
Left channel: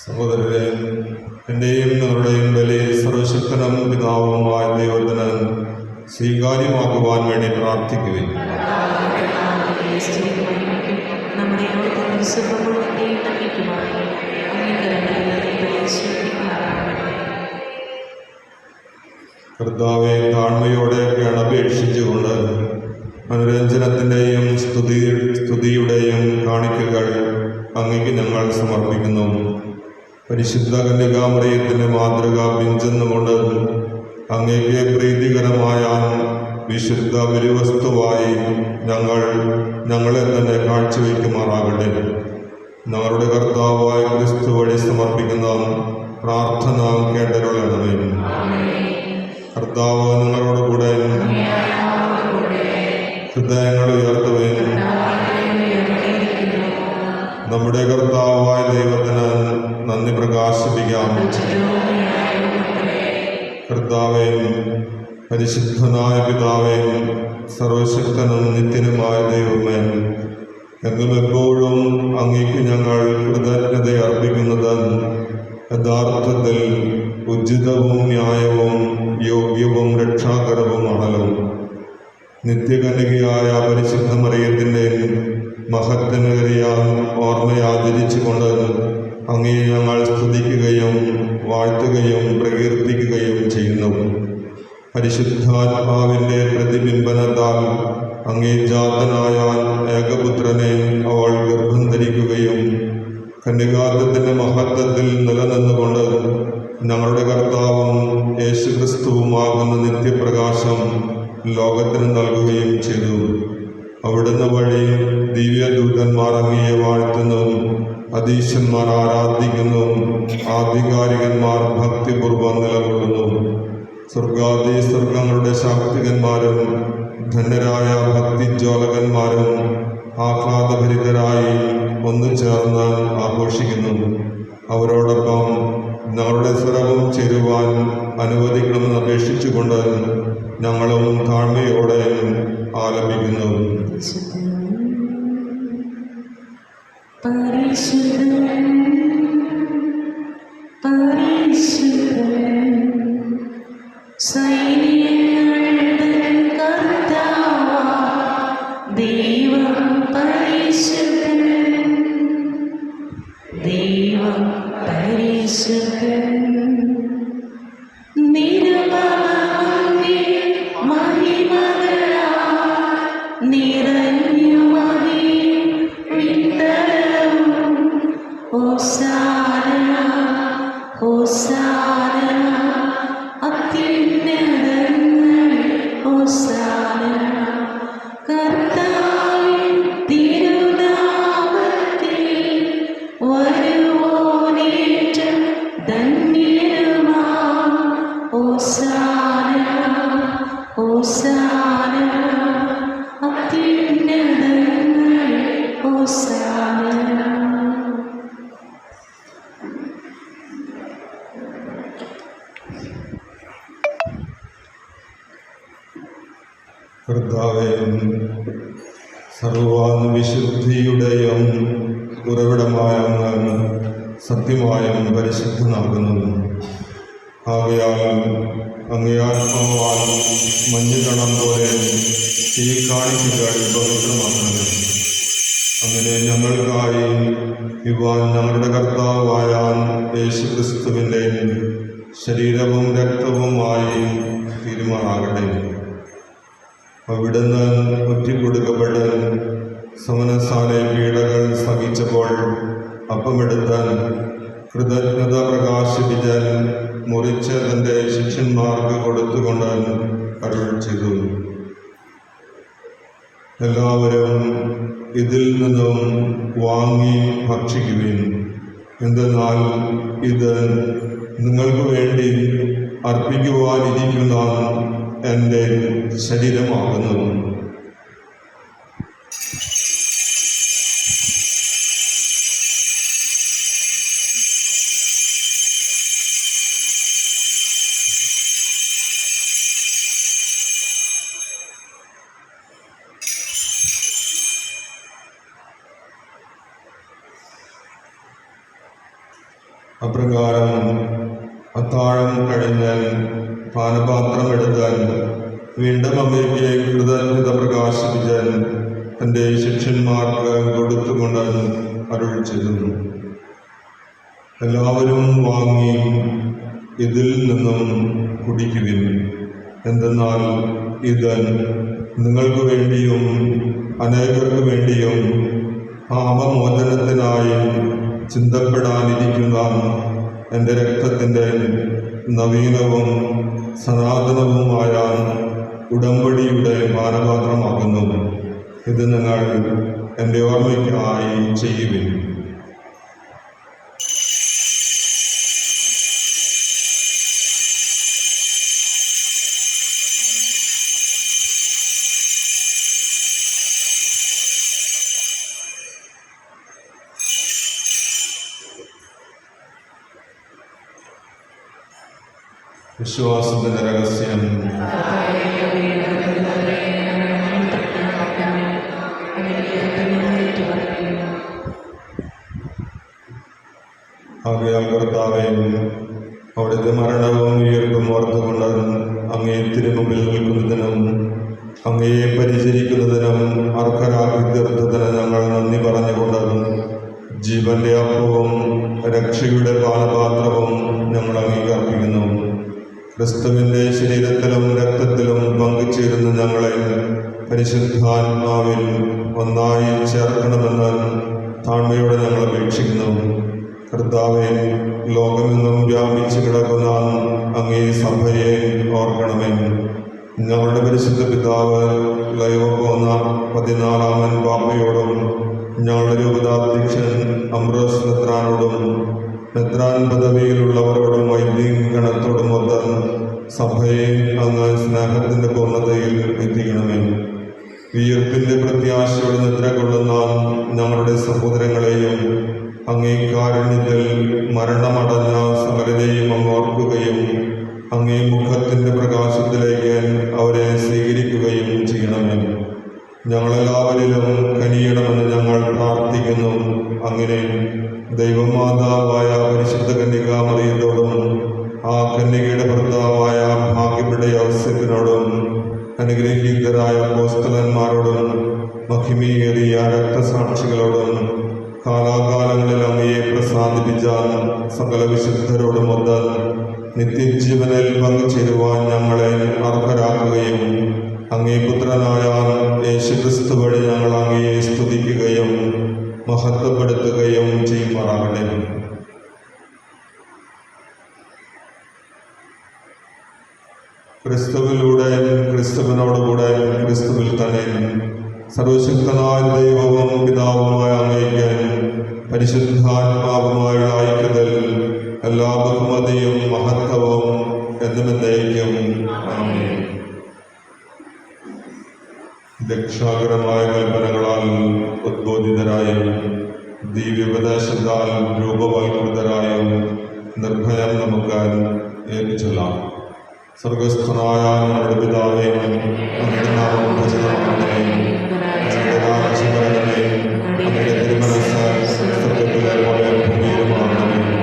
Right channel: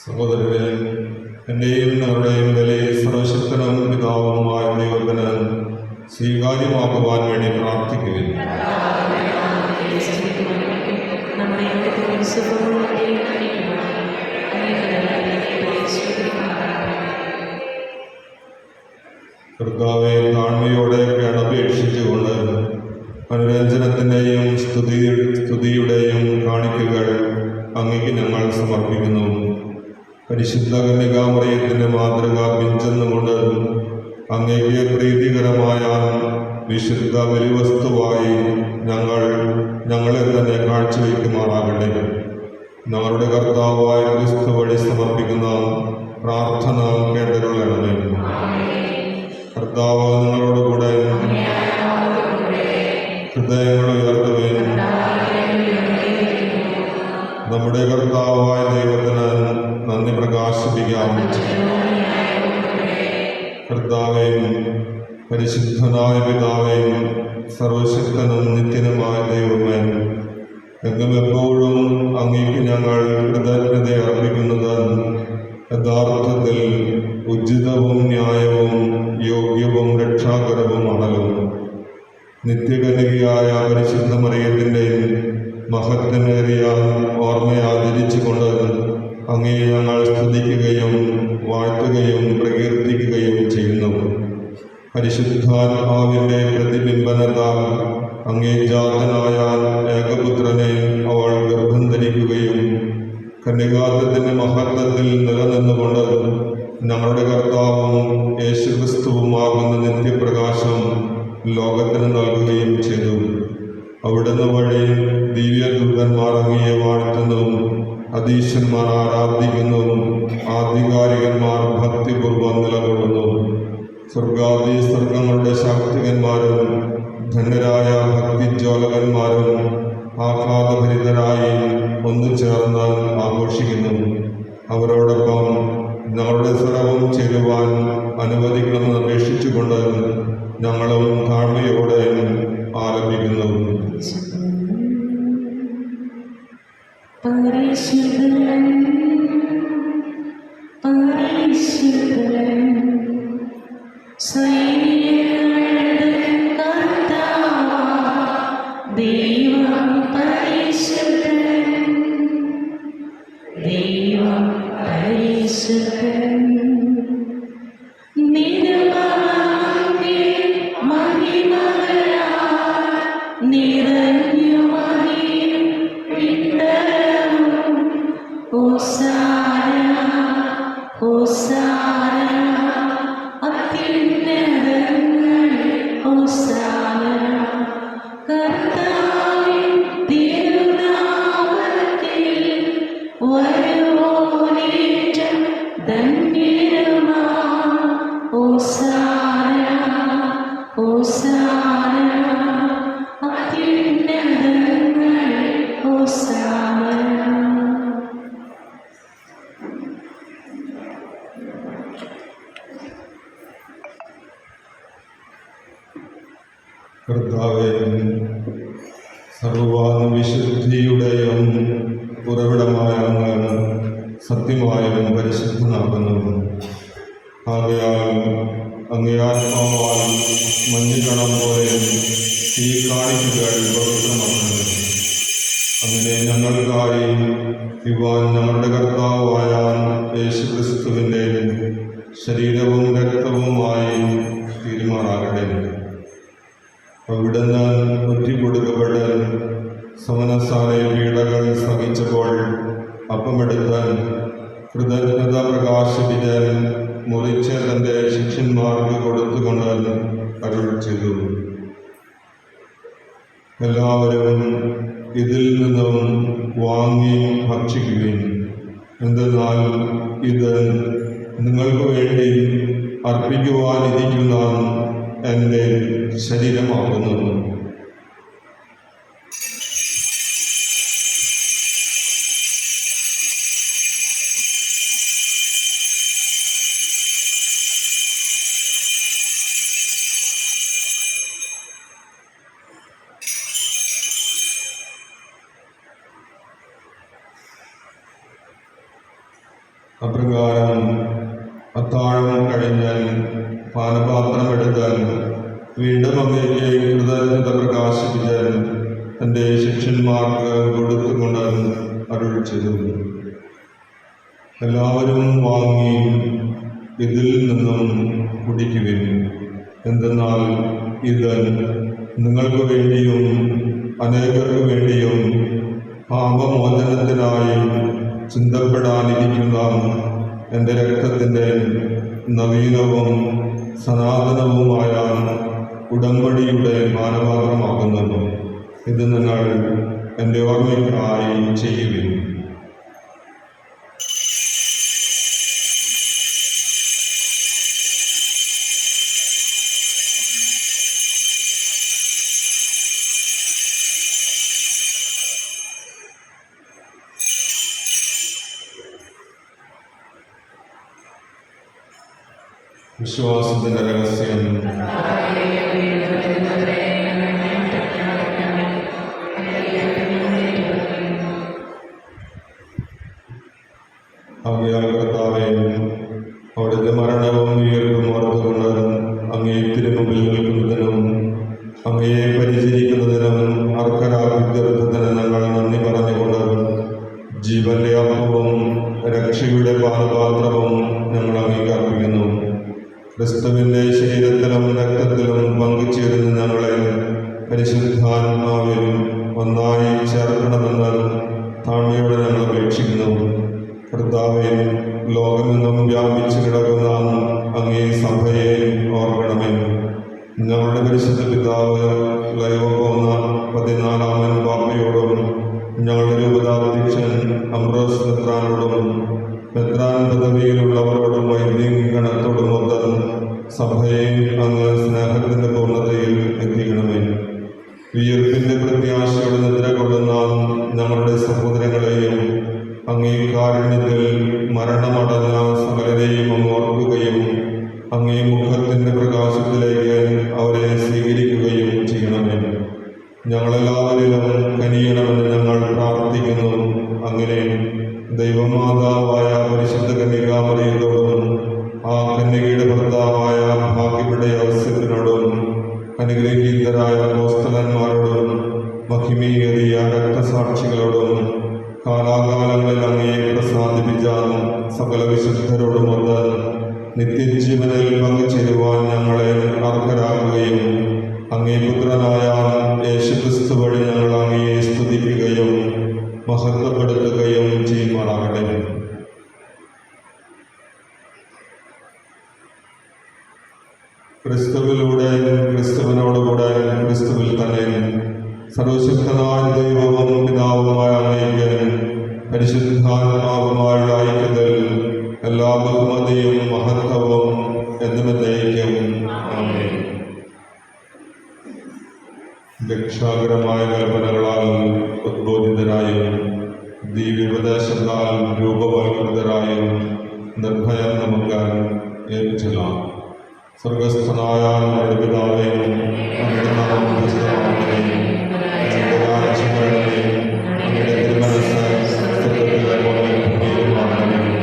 സഹോദരരെ, എൻ്റെയും നിങ്ങളുടെയും ബലി സർവശക്തനും പിതാവുമായ ദൈവത്തിന് സ്വീകാര്യമാക്കുവാൻ വേണ്ടി പ്രാർത്ഥിക്കുകയും കർത്താവെ, താഴ്മയോടെ അപേക്ഷിച്ചുകൊണ്ട് അനുരഞ്ജനത്തിൻ്റെയും സ്തുതിയുടെയും കാണിക്കകൾ അങ്ങേക്ക് ഞങ്ങൾ സമർപ്പിക്കുന്നു. പരിശുദ്ധ കന്യകാമറിയത്തിൻ്റെ മാതൃക പിഞ്ചെന്നുകൊണ്ട് അങ്ങേക്ക് പ്രീതികരമായ വിശുദ്ധ ബലിവസ്തുവായി ഞങ്ങളെ തന്നെ കാഴ്ചവെക്കുമാറാകട്ടെ. ഞങ്ങളുടെ കർത്താവായ ക്രിസ്തു വഴി സമർപ്പിക്കുന്ന പ്രാർത്ഥന കേട്ടരുളണമേ. കർത്താവ് നിങ്ങളോട് കൂടെ. ഹൃദയങ്ങൾ ഉയർത്തുവേ. നമ്മുടെ കർത്താവായ ദൈവത്തിന് നന്ദി പ്രകാശിപ്പിക്കാം. കർത്താവേ, പരിശുദ്ധനായ പിതാവേ, സർവശക്തനും നിത്യനുമായ ദൈവമേ, എന്നും എപ്പോഴും അങ്ങേക്ക് ഞങ്ങൾ കൃതജ്ഞത അർപ്പിക്കുന്നത് യഥാർത്ഥത്തിൽ ഉചിതവും ന്യായവും യോഗ്യവും രക്ഷാകരവുമാണല്ലോ. നിത്യകന്യകയായ പരിശുദ്ധ മറിയത്തിൻ്റെ മഹത്വമേറിയ ഓർമ്മയാചരിച്ചുകൊണ്ട് അങ്ങേ ഞങ്ങൾ സ്തുതിക്കുകയും വാഴ്ത്തുകയും പ്രകീർത്തിക്കുകയും ചെയ്യുന്നു. പരിശുദ്ധാത്മാവിൻ്റെ പ്രതിബിംബനത്താൽ അങ്ങേ ജാതനായ ഏകപുത്രനെ അവൾ ഗർഭം ധരിക്കുകയും കന്യകാത്വത്തിൻ്റെ മഹത്വത്തിൽ നിലനിന്നുകൊണ്ട് ഞങ്ങളുടെ കർത്താവും യേശുക്രിസ്തുവുമാകുന്ന നിത്യപ്രകാശം ലോകത്തിന് നൽകുകയും ചെയ്തു. അവിടുന്ന് വഴി ദിവ്യദൂതന്മാർ അങ്ങയെ വാഴ്ത്തുന്നു, അധീശന്മാർ ആരാധിക്കുന്നു, ആധികാരികന്മാർ ഭക്തിപൂർവ്വം നിലകൊള്ളുന്നു. സ്വർഗാദി സ്വർഗങ്ങളുടെ ശാക്തികന്മാരും ധന്യരായ ഭക്തിജ്വാലകന്മാരും ആഹ്ലാദഭരിതരായി ഒന്നു ചേർന്ന് ആഘോഷിക്കുന്നു. അവരോടൊപ്പം ഞങ്ങളുടെ സ്വരവും ചേരുവാൻ അനുവദിക്കണമെന്ന് അപേക്ഷിച്ചുകൊണ്ട് ഞങ്ങളും താഴ്മയോടെ ആലപിക്കുന്നു. പരിശുദ്ധൻ പരിശുദ്ധൻ സൈന്യങ്ങളുടെ കർത്താവായ ദൈവം പരിശുദ്ധൻ, ദൈവം പരിശുദ്ധൻ. നിരവധി മഹിമകൾ ഹോസാന അത്യുന്നതങ്ങളിൽ ഹോസാന. കർത്താവേ, സർവ്വാന വിശുദ്ധിയുടെയും ഉറവിടമായ അങ്ങ് സത്യമായും പരിശുദ്ധനാകുന്നു. ആകയാൽ അങ്ങേ ആത്മാവാൽ മഞ്ഞുകണം പോലെ ഈ കാഴ്ചകൾ പവിത്രമാക്കുന്നത്. അങ്ങനെ ഞങ്ങൾക്കായി ഇവാൻ ഞങ്ങളുടെ കർത്താവായ യേശുക്രിസ്തുവിൻ്റെ ശരീരവും രക്തവുമായി തീരുമാനാകട്ടെ. അവിടുന്ന് ഒറ്റിക്കൊടുക്കപ്പെട്ട് സമനസാലെ പീഡകൾ സഹിച്ചപ്പോൾ അപ്പമെടുത്ത് കൃതജ്ഞത പ്രകാശിപ്പിച്ച് മുറിച്ച് തൻ്റെ ശിഷ്യന്മാർക്ക് കൊടുത്തുകൊണ്ട് അരുൾ ചെയ്തു. എല്ലാവരും ഇതിൽ നിന്നും വാങ്ങി ഭക്ഷിക്കുവിൻ. എന്തെന്നാൽ ഇത് നിങ്ങൾക്ക് വേണ്ടി അർപ്പിക്കുവാനിരിക്കുന്ന എൻ്റെ ശരീരമാകുന്നു. അപ്രകാരം അത്താഴം കഴിഞ്ഞാൽ പാനപാത്രം എടുത്താൽ വീണ്ടും അങ്ങേക്ക് കൃതജ്ഞത പ്രകാശിപ്പിച്ചാൽ തൻ്റെ ശിഷ്യന്മാർക്ക് കൊടുത്തുകൊണ്ട് അരുൾ ചെയ്തു. എല്ലാവരും വാങ്ങി ഇതിൽ നിന്നും കുടിക്കുവിൻ. എന്തെന്നാൽ ഇത് നിങ്ങൾക്ക് വേണ്ടിയും അനേകർക്ക് വേണ്ടിയും പാപമോചനത്തിനായി ചിന്തപ്പെടാനിരിക്കുന്ന എൻ്റെ രക്തത്തിൻ്റെ നവീനവും സനാതനവുമായ ഉടമ്പടിയുടെ പാനപാത്രമാകുന്നു. ഇത് നിങ്ങൾ എൻ്റെ ഓർമ്മയ്ക്കായി ചെയ്യുവിൻ. വിശ്വാസത്തിൻ്റെ രഹസ്യം. ആകയാൽ കർത്താവേ, അവിടുത്തെ മരണവും ഉയർപ്പും ഓർത്തുകൊണ്ട് അങ്ങേ തിരുമുമ്പിൽ നിൽക്കുന്നതിനും അങ്ങയെ പരിചരിക്കുന്നതിനും അർഹരാക്കി തീർത്തതിന് ഞങ്ങൾ നന്ദി പറഞ്ഞുകൊണ്ട് ജീവന്റെ അപ്പവും രക്ഷയുടെ പാനപാത്രവും ഞങ്ങൾ അംഗീകരിക്കുന്നു. ക്രിസ്തുവിൻ്റെ ശരീരത്തിലും രക്തത്തിലും പങ്കുചേരുന്ന ഞങ്ങളെ പരിശുദ്ധാത്മാവിൽ ഒന്നായി ചേർക്കണമെന്ന് താഴ്മയോടെ ഞങ്ങൾ അപേക്ഷിക്കുന്നു. കർത്താവേ, ലോകമെങ്ങും വ്യാപിച്ചു കിടക്കുന്ന അങ്ങേ സഭയെ ഓർക്കണമേ. ഞങ്ങളുടെ പരിശുദ്ധ പിതാവ് ലയോപോന്ന 14-ാമൻ പാപ്പയോടും ഞങ്ങളുടെ രൂപതാധ്യക്ഷൻ അംബ്രോസ് മെത്രാനോടും മെത്രാൻ പദവിയിലുള്ളവരോടും വൈദിക ഗണത്തോടും ഒത്ത് സഭയെ അങ്ങ് സ്നേഹത്തിൻ്റെ പൂർണ്ണതയിൽ എത്തിക്കണമേ. ഉയർപ്പിൻ്റെ പ്രത്യാശയോടെ നിദ്ര കൊള്ളുന്ന ഞങ്ങളുടെ സഹോദരങ്ങളെയും അങ്ങേ കാരുണ്യത്തിൽ മരണമടഞ്ഞ സകലരെയും അങ്ങ് ഓർക്കുകയും അങ്ങേ മുഖത്തിൻ്റെ പ്രകാശത്തിലേക്ക് അവരെ സ്വീകരിക്കുകയും ചെയ്യണമേ. ഞങ്ങളെല്ലാവരിലും കനിയണമെന്ന് ഞങ്ങൾ പ്രാർത്ഥിക്കുന്നു. അങ്ങനെ ദൈവമാതാവായ പരിശുദ്ധ കന്യകാമറിയത്തോടും ആ കന്യകയുടെ ഭർത്താവായ ഭാഗ്യപ്പെട്ട ഔസേപ്പിനോടും അനുഗ്രഹീതരായ അപ്പോസ്തലന്മാരോടും മഹിമയേറിയ രക്തസാക്ഷികളോടും കാലാകാലങ്ങളിൽ അങ്ങയെ പ്രസാദിപ്പിച്ച സകല വിശുദ്ധരോടുമൊത്ത് നിത്യജീവനിൽ പങ്കുചേരുവാൻ ഞങ്ങളെ അർഹരാക്കുകയും അങ്ങേ പുത്രനായ യേശുക്രിസ്തു വഴി ഞങ്ങൾ അങ്ങയെ സ്തുതിക്കുകയും മഹത്വപ്പെടുത്തുകയും ചെയ്യുമാറാകട്ടെ. ക്രിസ്തുവിലൂടെ, ക്രിസ്തുവിനോടുകൂടെ, ക്രിസ്തുവിൽ തന്നെ സർവശക്തനായ ദൈവവും പിതാവുമായ അങ്ങേക്ക് പരിശുദ്ധാത്മാവുമായുള്ള ഐക്യത്തിൽ എല്ലാ ബഹുമതിയും മഹത്വവും എന്നുമെന്നേക്കും ആമേൻ. രക്ഷാകരമായ കൽപ്പനകളാൽ ഉദ്ബോധിതരായും ദിവ്യോപദേശത്താൽ രൂപവൽകൃതരായും നിർഭയം നമുക്ക് ഏൽപ്പിച്ചെല്ലാം. സ്വർഗസ്ഥനായ നമ്മുടെ പിതാവേ, അങ്ങയുടെ നാമം പൂജിതമാകണമേ. അങ്ങയുടെ രാജ്യം വരണമേ. അങ്ങയുടെ തിരുമനസ്സ് സ്വർഗ്ഗത്തിലെ പോലെ ഭൂമിയിലുമാകണമേ.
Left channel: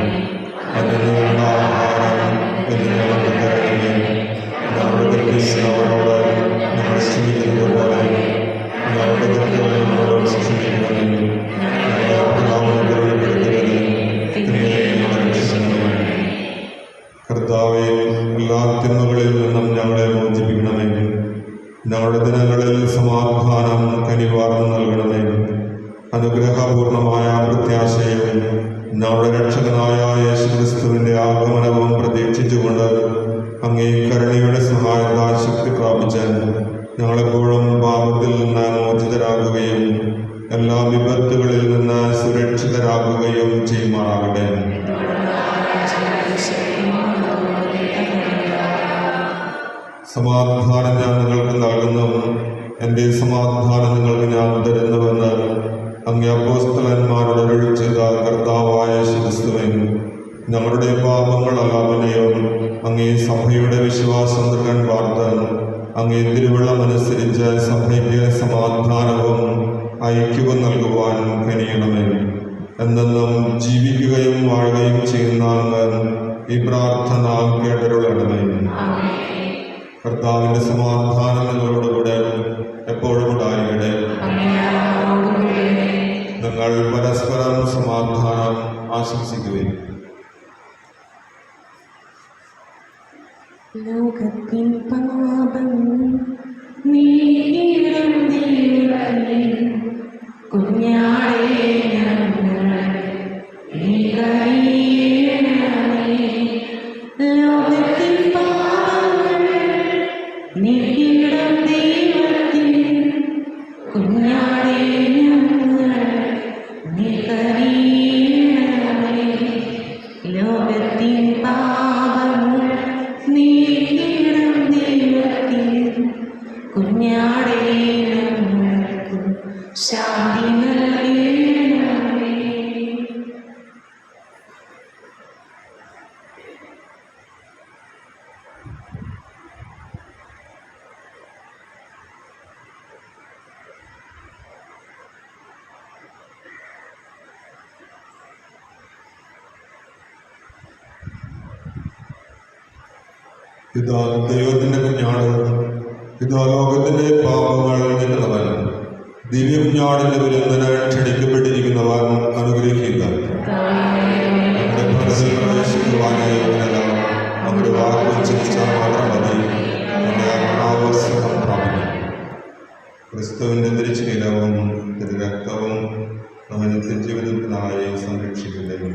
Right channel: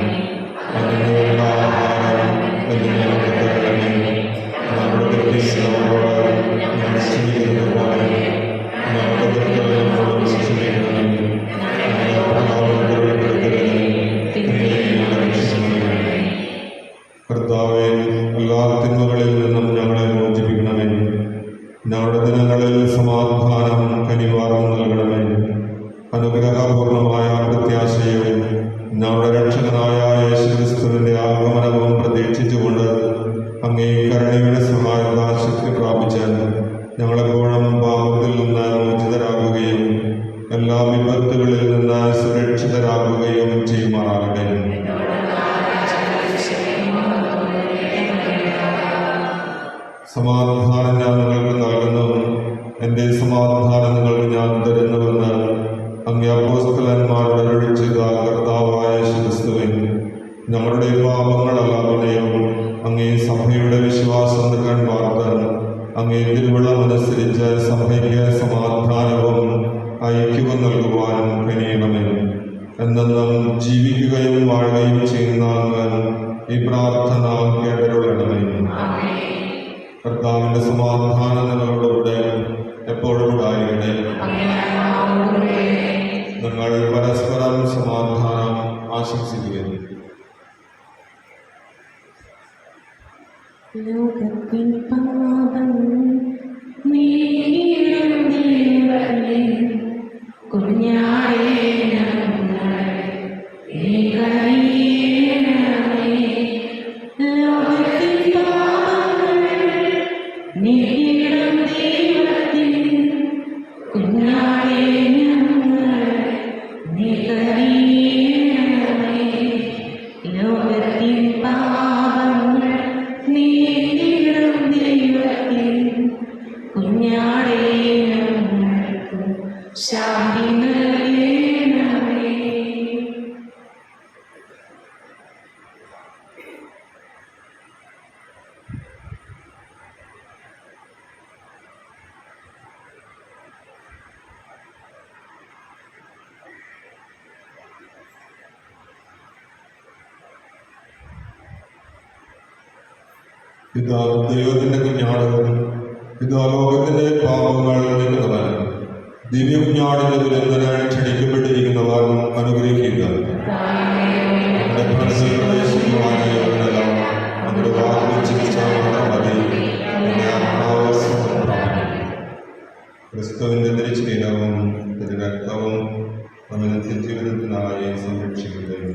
അന്നു വേണ്ട ആഹാരം ഇന്ന് ഞങ്ങൾക്ക് തരണമേ. ഞങ്ങളുടെ തെറ്റ് ചെയ്യുന്നവരോട് ഞങ്ങൾ ക്ഷമിക്കുന്നത് പോലെ ഞങ്ങളുടെ തെറ്റുകൾ ഞങ്ങളോട് ക്ഷമിക്കണമേ. ഞങ്ങളെ പ്രലോഭനത്തിൽ ഉൾപ്പെടുത്തരുതേ, തിന്മയിൽ നിന്ന് രക്ഷിക്കണമേ. കർത്താവേ, എല്ലാ തിന്മകളിൽ നിന്നും ഞങ്ങളെ മോചിപ്പിക്കണമേ. ഞങ്ങളുടെ ദിനങ്ങളിൽ സമാധാനം കനിവാർന്ന് നൽകണമേ. അനുഗ്രഹപൂർണമായ പ്രത്യാശയും ഞങ്ങളുടെ രക്ഷകനായ യേശുക്രിസ്തുവിൻ്റെ ആഗമനവും പ്രതീക്ഷിച്ചുകൊണ്ട് അങ്ങേ കരുണയുടെ സഹായത്താൽ ശക്തി പ്രാപിച്ച് ഞങ്ങളെപ്പോഴും പാപത്തിൽ നിന്ന് മോചിതരാകുകയും എല്ലാ വിപത്തുകളിൽ നിന്ന് സുരക്ഷിതരാകുകയും ചെയ്യുമാറാകട്ടെ. സമാധാനം ഞാൻ നിങ്ങൾക്ക് നൽകുന്നു, എൻ്റെ സമാധാനം നിങ്ങൾക്ക് ഞാൻ തരുന്നുവെന്ന് അങ്ങേ അപ്പോസ്തലന്മാരോട് അരുളി ചെയ്ത കർത്താവായ യേശുക്രിസ്തുവേ, ഞങ്ങളുടെ പാപങ്ങളെല്ലാവരെയും അങ്ങേ സഭയുടെ വിശ്വാസം നൽകാൻ വാർത്ത് അങ്ങേ തിരുവള്ളമനുസരിച്ച് സഭയ്ക്ക് സമാധാനവും ഐക്യവും നൽകുവാൻ കഴിയണമേ. എന്നെന്നും ജീവിക്കുകയും വാഴുകയും ചെയ്യുന്ന അങ്ങ് ഈ പ്രാർത്ഥന കേട്ടരുളണമേ. കർത്താവിൻ്റെ സമാധാനം നിങ്ങളോടുകൂടെ എപ്പോഴും ഉണ്ടാകട്ടെ. നിങ്ങൾ പരസ്പരം സമാധാനം ആശംസിക്കുകയും ലോകത്തിൻ പാപം നീക്കിയിടും ദൈവമേ, കുഞ്ഞാടേ ഞങ്ങളെ നീ കനിയണമേ. ലോകത്തിൻ പാപങ്ങൾ നീക്കിയിടും ദൈവത്തിൻ കുഞ്ഞാടേ ഞങ്ങളെ നീ കനിയണമേ. ലോകത്തിൻ പാപങ്ങൾ നീക്കിയിടും ദൈവത്തിൻ കുഞ്ഞാടേ ഞങ്ങൾക്ക് ശാന്തി നൽകണമേ. ഇതാ ദൈവത്തിൻ്റെ കുഞ്ഞാട്, ഇതാ ലോകത്തിൻ്റെ പാപങ്ങൾ നീക്കുന്നവൻ, ദിവ്യകുഞ്ഞാടിൻ്റെ വിരുന്നിന് ക്ഷണിക്കപ്പെട്ടിരിക്കുന്നവൻ അനുഗ്രഹിക്കുക. നമ്മുടെ മനസ്സിൽ പ്രവേശിക്കുവാനായി നമ്മുടെ വാക്ക് ഉച്ചരിച്ചാൽ മാത്രം മതി. നമ്മുടെ ആത്മാവ് സുഖം പ്രാപിക്കും. ക്രിസ്തുവിൻ്റെ തിരുശരീരവും തിരുരക്തവും നമ്മെ നിത്യജീവിതത്തിനായി സംരക്ഷിക്കുകയും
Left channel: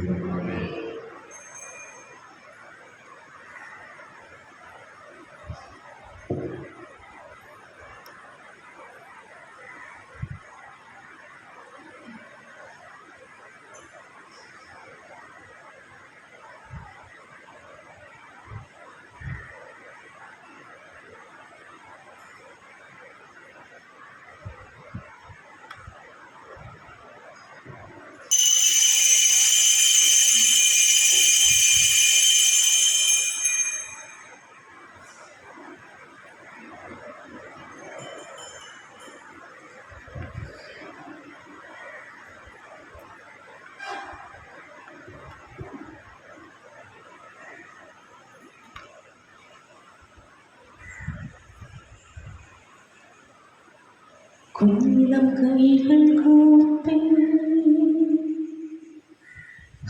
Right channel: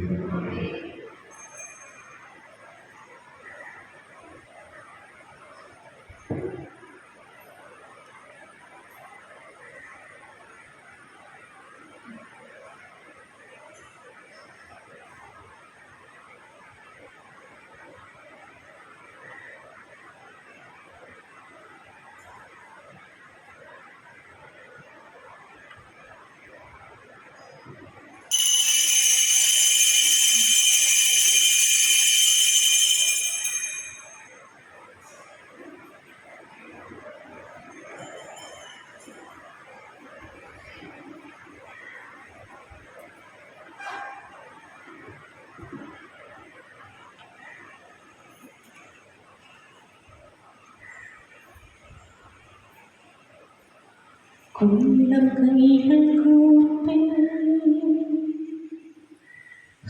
കുഞ്ഞിളം കൈകൾ കൂപ്പി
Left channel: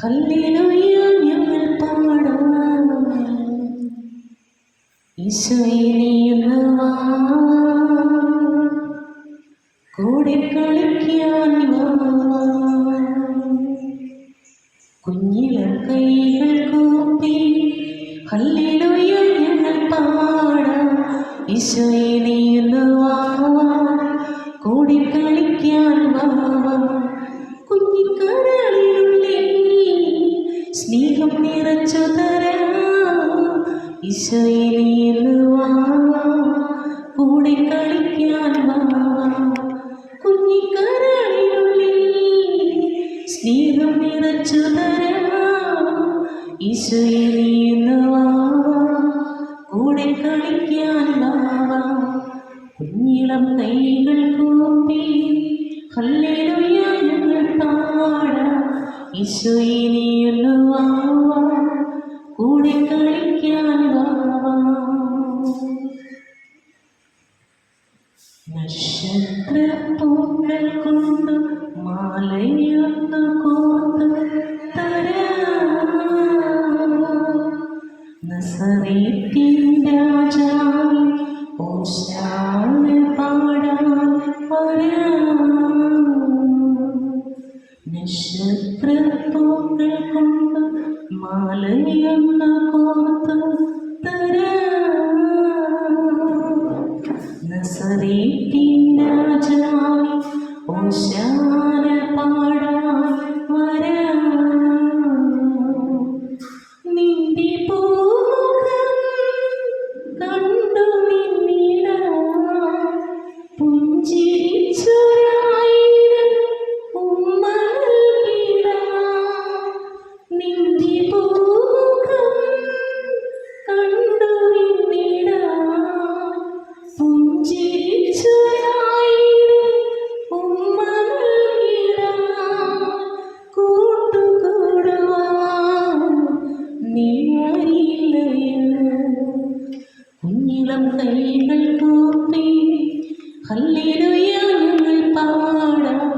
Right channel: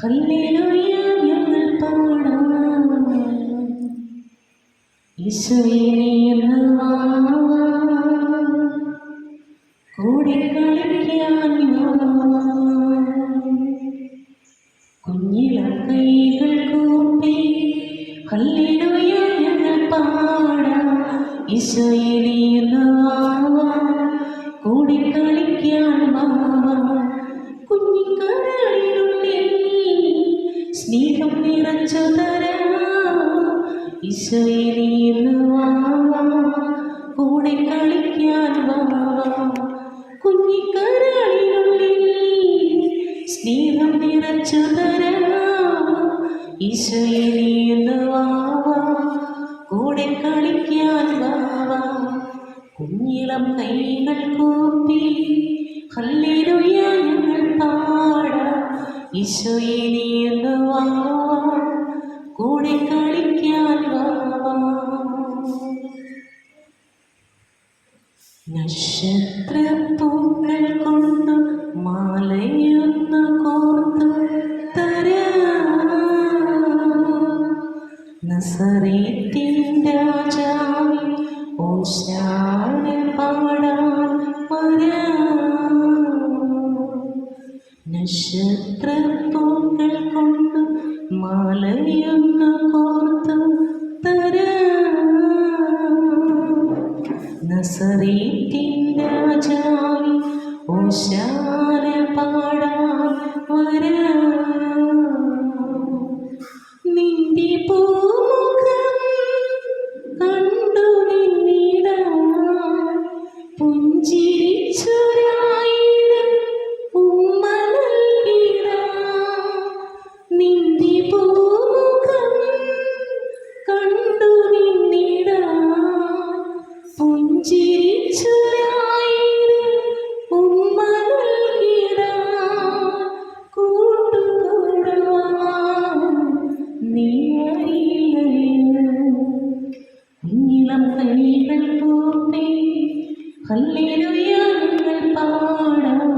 ഹല്ലേലൂയ ഞങ്ങൾ പാടാം. ഈശോയെ നീയുള്ളവാ, കൂടെ കളിക്കാൻ വാ. കുഞ്ഞിളം കൈകൾ കൂപ്പി ഹല്ലേലൂയ ഞങ്ങൾ പാടാം. ഈശോയെ നീയുള്ളവാ, കൂടി കളിക്കാൻ വാ. കുഞ്ഞിക്കടലിനുള്ളിൽ സ്നേഹം നിറച്ചു തരാം. ഈശോയെ നീയുള്ളവാ, കൂടെ കളി കളിക്കാൻ വാവാ കുഞ്ഞിക്കരളിനുള്ളിൽ സ്നേഹം നിറച്ചു തരാം ഈശോയെ നീയൊന്നു വാവാ കൂടെ കളിക്കാൻ വാവാ കുഞ്ഞിളം കൈകൾ കൂപ്പി ഹല്ലേലൂയ ഞങ്ങൾ പാടാം ഈശോയെ നീയൊന്നു വാവാ കൂടെ കളിക്കാൻ വാവാ നക്ഷത്രപ്പൂക്കൾ കൊണ്ട് മാലയൊന്നു കോർത്തു തരാം നസറേത്തിൻ രാജാവേ ഓശാന പാടാൻ വരാം നക്ഷത്രപ്പൂക്കൾ കൊണ്ട് മാലയൊന്നു കോർത്തു തരാം നസറേത്തിൻ രാജാവേ ഓശാന പാടാൻ വരാം നിന്റെ പൂമുഖം കണ്ടു നിന്നിടാം പുഞ്ചിരിച്ചൊരായിരം ഉമ്മ നൽകിടാം നിന്റെ പൂമുഖം കണ്ടു നിന്നിടാം പുഞ്ചിരിച്ചൊരായിരം ഉമ്മ നൽകിടാം കൂട്ടുകൂടുവാൻ നീ അറിയില്ലയോ കുഞ്ഞിളം കൈകൾ കൂപ്പി ഹല്ലേലൂയ ഞങ്ങൾ പാടാം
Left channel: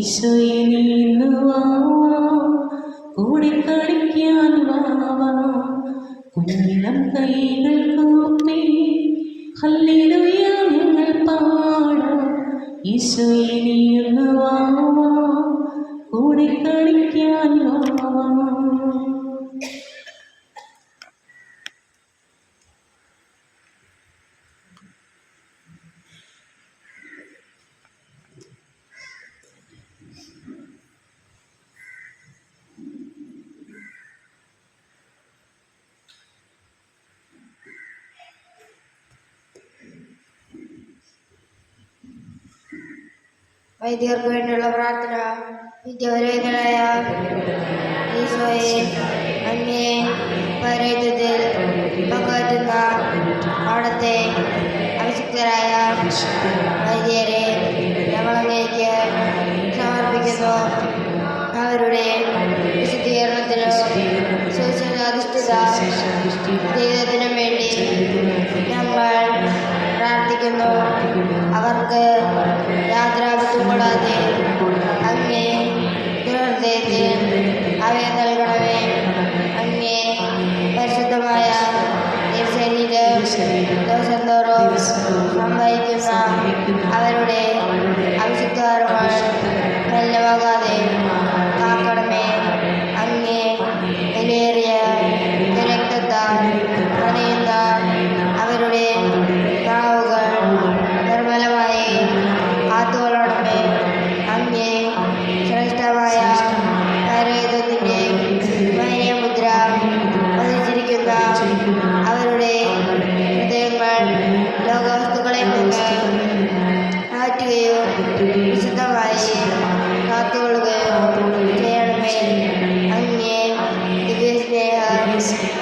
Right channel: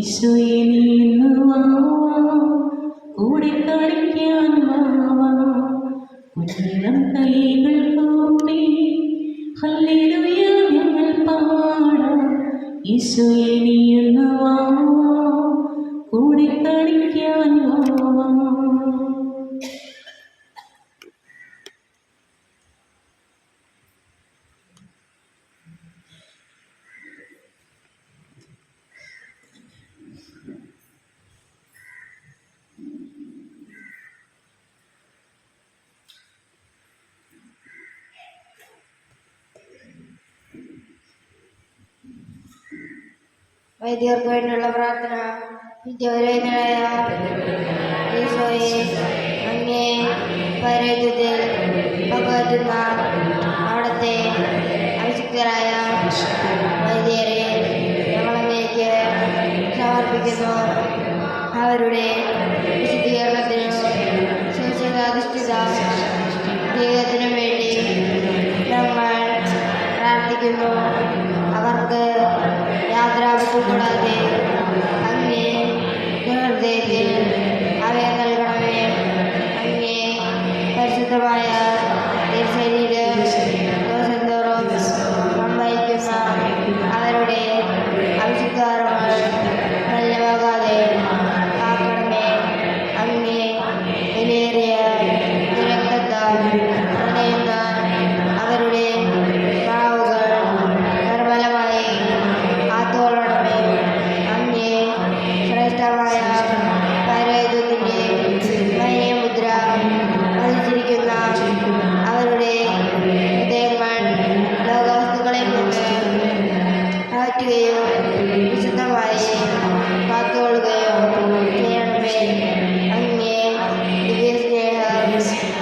ഈശോയെ നീയൊന്നു വാവാ കൂടെ കളിക്കാൻ വാവാ കുഞ്ഞിളം കൈകൾ കൂപ്പി ഹല്ലേലൂയ ഞങ്ങൾ പാടാം ഈശോയെ നീയൊന്നു വാവാ കൂടെ കളിക്കാൻ വാവാ വൈദികർക്ക് വേണ്ടിയുള്ള പ്രാർത്ഥന. നിത്യവരേതനായ ഈശോയെ, അങ്ങേ പരേതത്തിൽ പകരുന്ന അവിടുത്തെ അഭിഷിക്തരായ വൈദികരെ ഞങ്ങളങ്ങേക്ക് സമർപ്പിക്കുന്നു. അവരുടെ വിശുദ്ധീകരണത്തിനും സുരക്ഷിതാധിഷ്ഠിത ജീവിതത്തിനും വേണ്ടി ഞങ്ങൾ പ്രാർത്ഥിക്കുന്നു. അവർക്ക് യാതൊരാപത്തും കൂടാതെ അങ്ങേ ഹൃദയത്തിൽ അവയെ നൽകണമേ. അങ്ങേ പരിശുദ്ധമായ ശരീരം ദിവസം തോറും സംഭവിക്കുന്ന അവരുടെ അവിശുദ്ധകർമ്മങ്ങൾ നല്ലവാകാതെ കാക്കണമേ. അങ്ങേ വിലയേറിയ രക്തത്താൽ നനയുന്ന അവരുടെ നാവുകൾ നിർമ്മലമായി കാത്തുകൊള്ളണമേ. അങ്ങേ ശ്രേഷ്ഠമായ പരേതത്തിന്റെ മുദ്ര പതിച്ചിരിക്കുന്ന അവരുടെ ഹൃദയങ്ങൾ ലോകവസ്തുക്കളിൽ നിന്ന് മാറ്റുകയും വിശുദ്ധമായി കാത്തുകൊള്ളുകയും ചെയ്യണമേ. അങ്ങേ ദിവ്യസ്നേഹം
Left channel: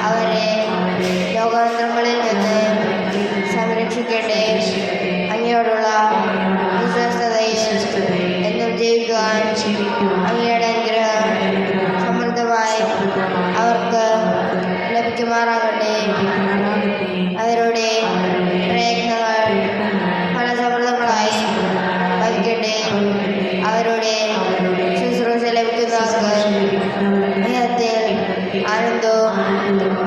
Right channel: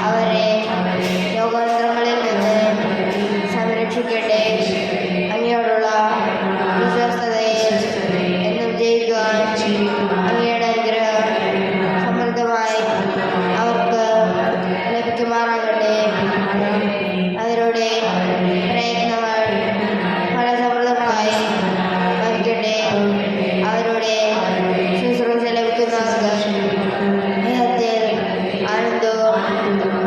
അവരെ ലോകതന്ത്രങ്ങളിൽ നിന്ന് സംരക്ഷിക്കട്ടെ. അങ്ങയോടുള്ള വിശ്വസ്തതയിൽ എന്നും ജീവിക്കുവാൻ അങ്ങയുടെ അനുഗ്രഹം സമൃദ്ധമായി അവർക്ക് ലഭിക്കുമാറാകട്ടെ. അവരുടെ പ്രയത്നങ്ങൾ ഫലസമൃദ്ധമായി ഭവിക്കട്ടെ. അവരുടെ ശുശ്രൂഷ ലഭിക്കുന്നവർക്ക് സ്നേഹത്തിൽ ആനന്ദവും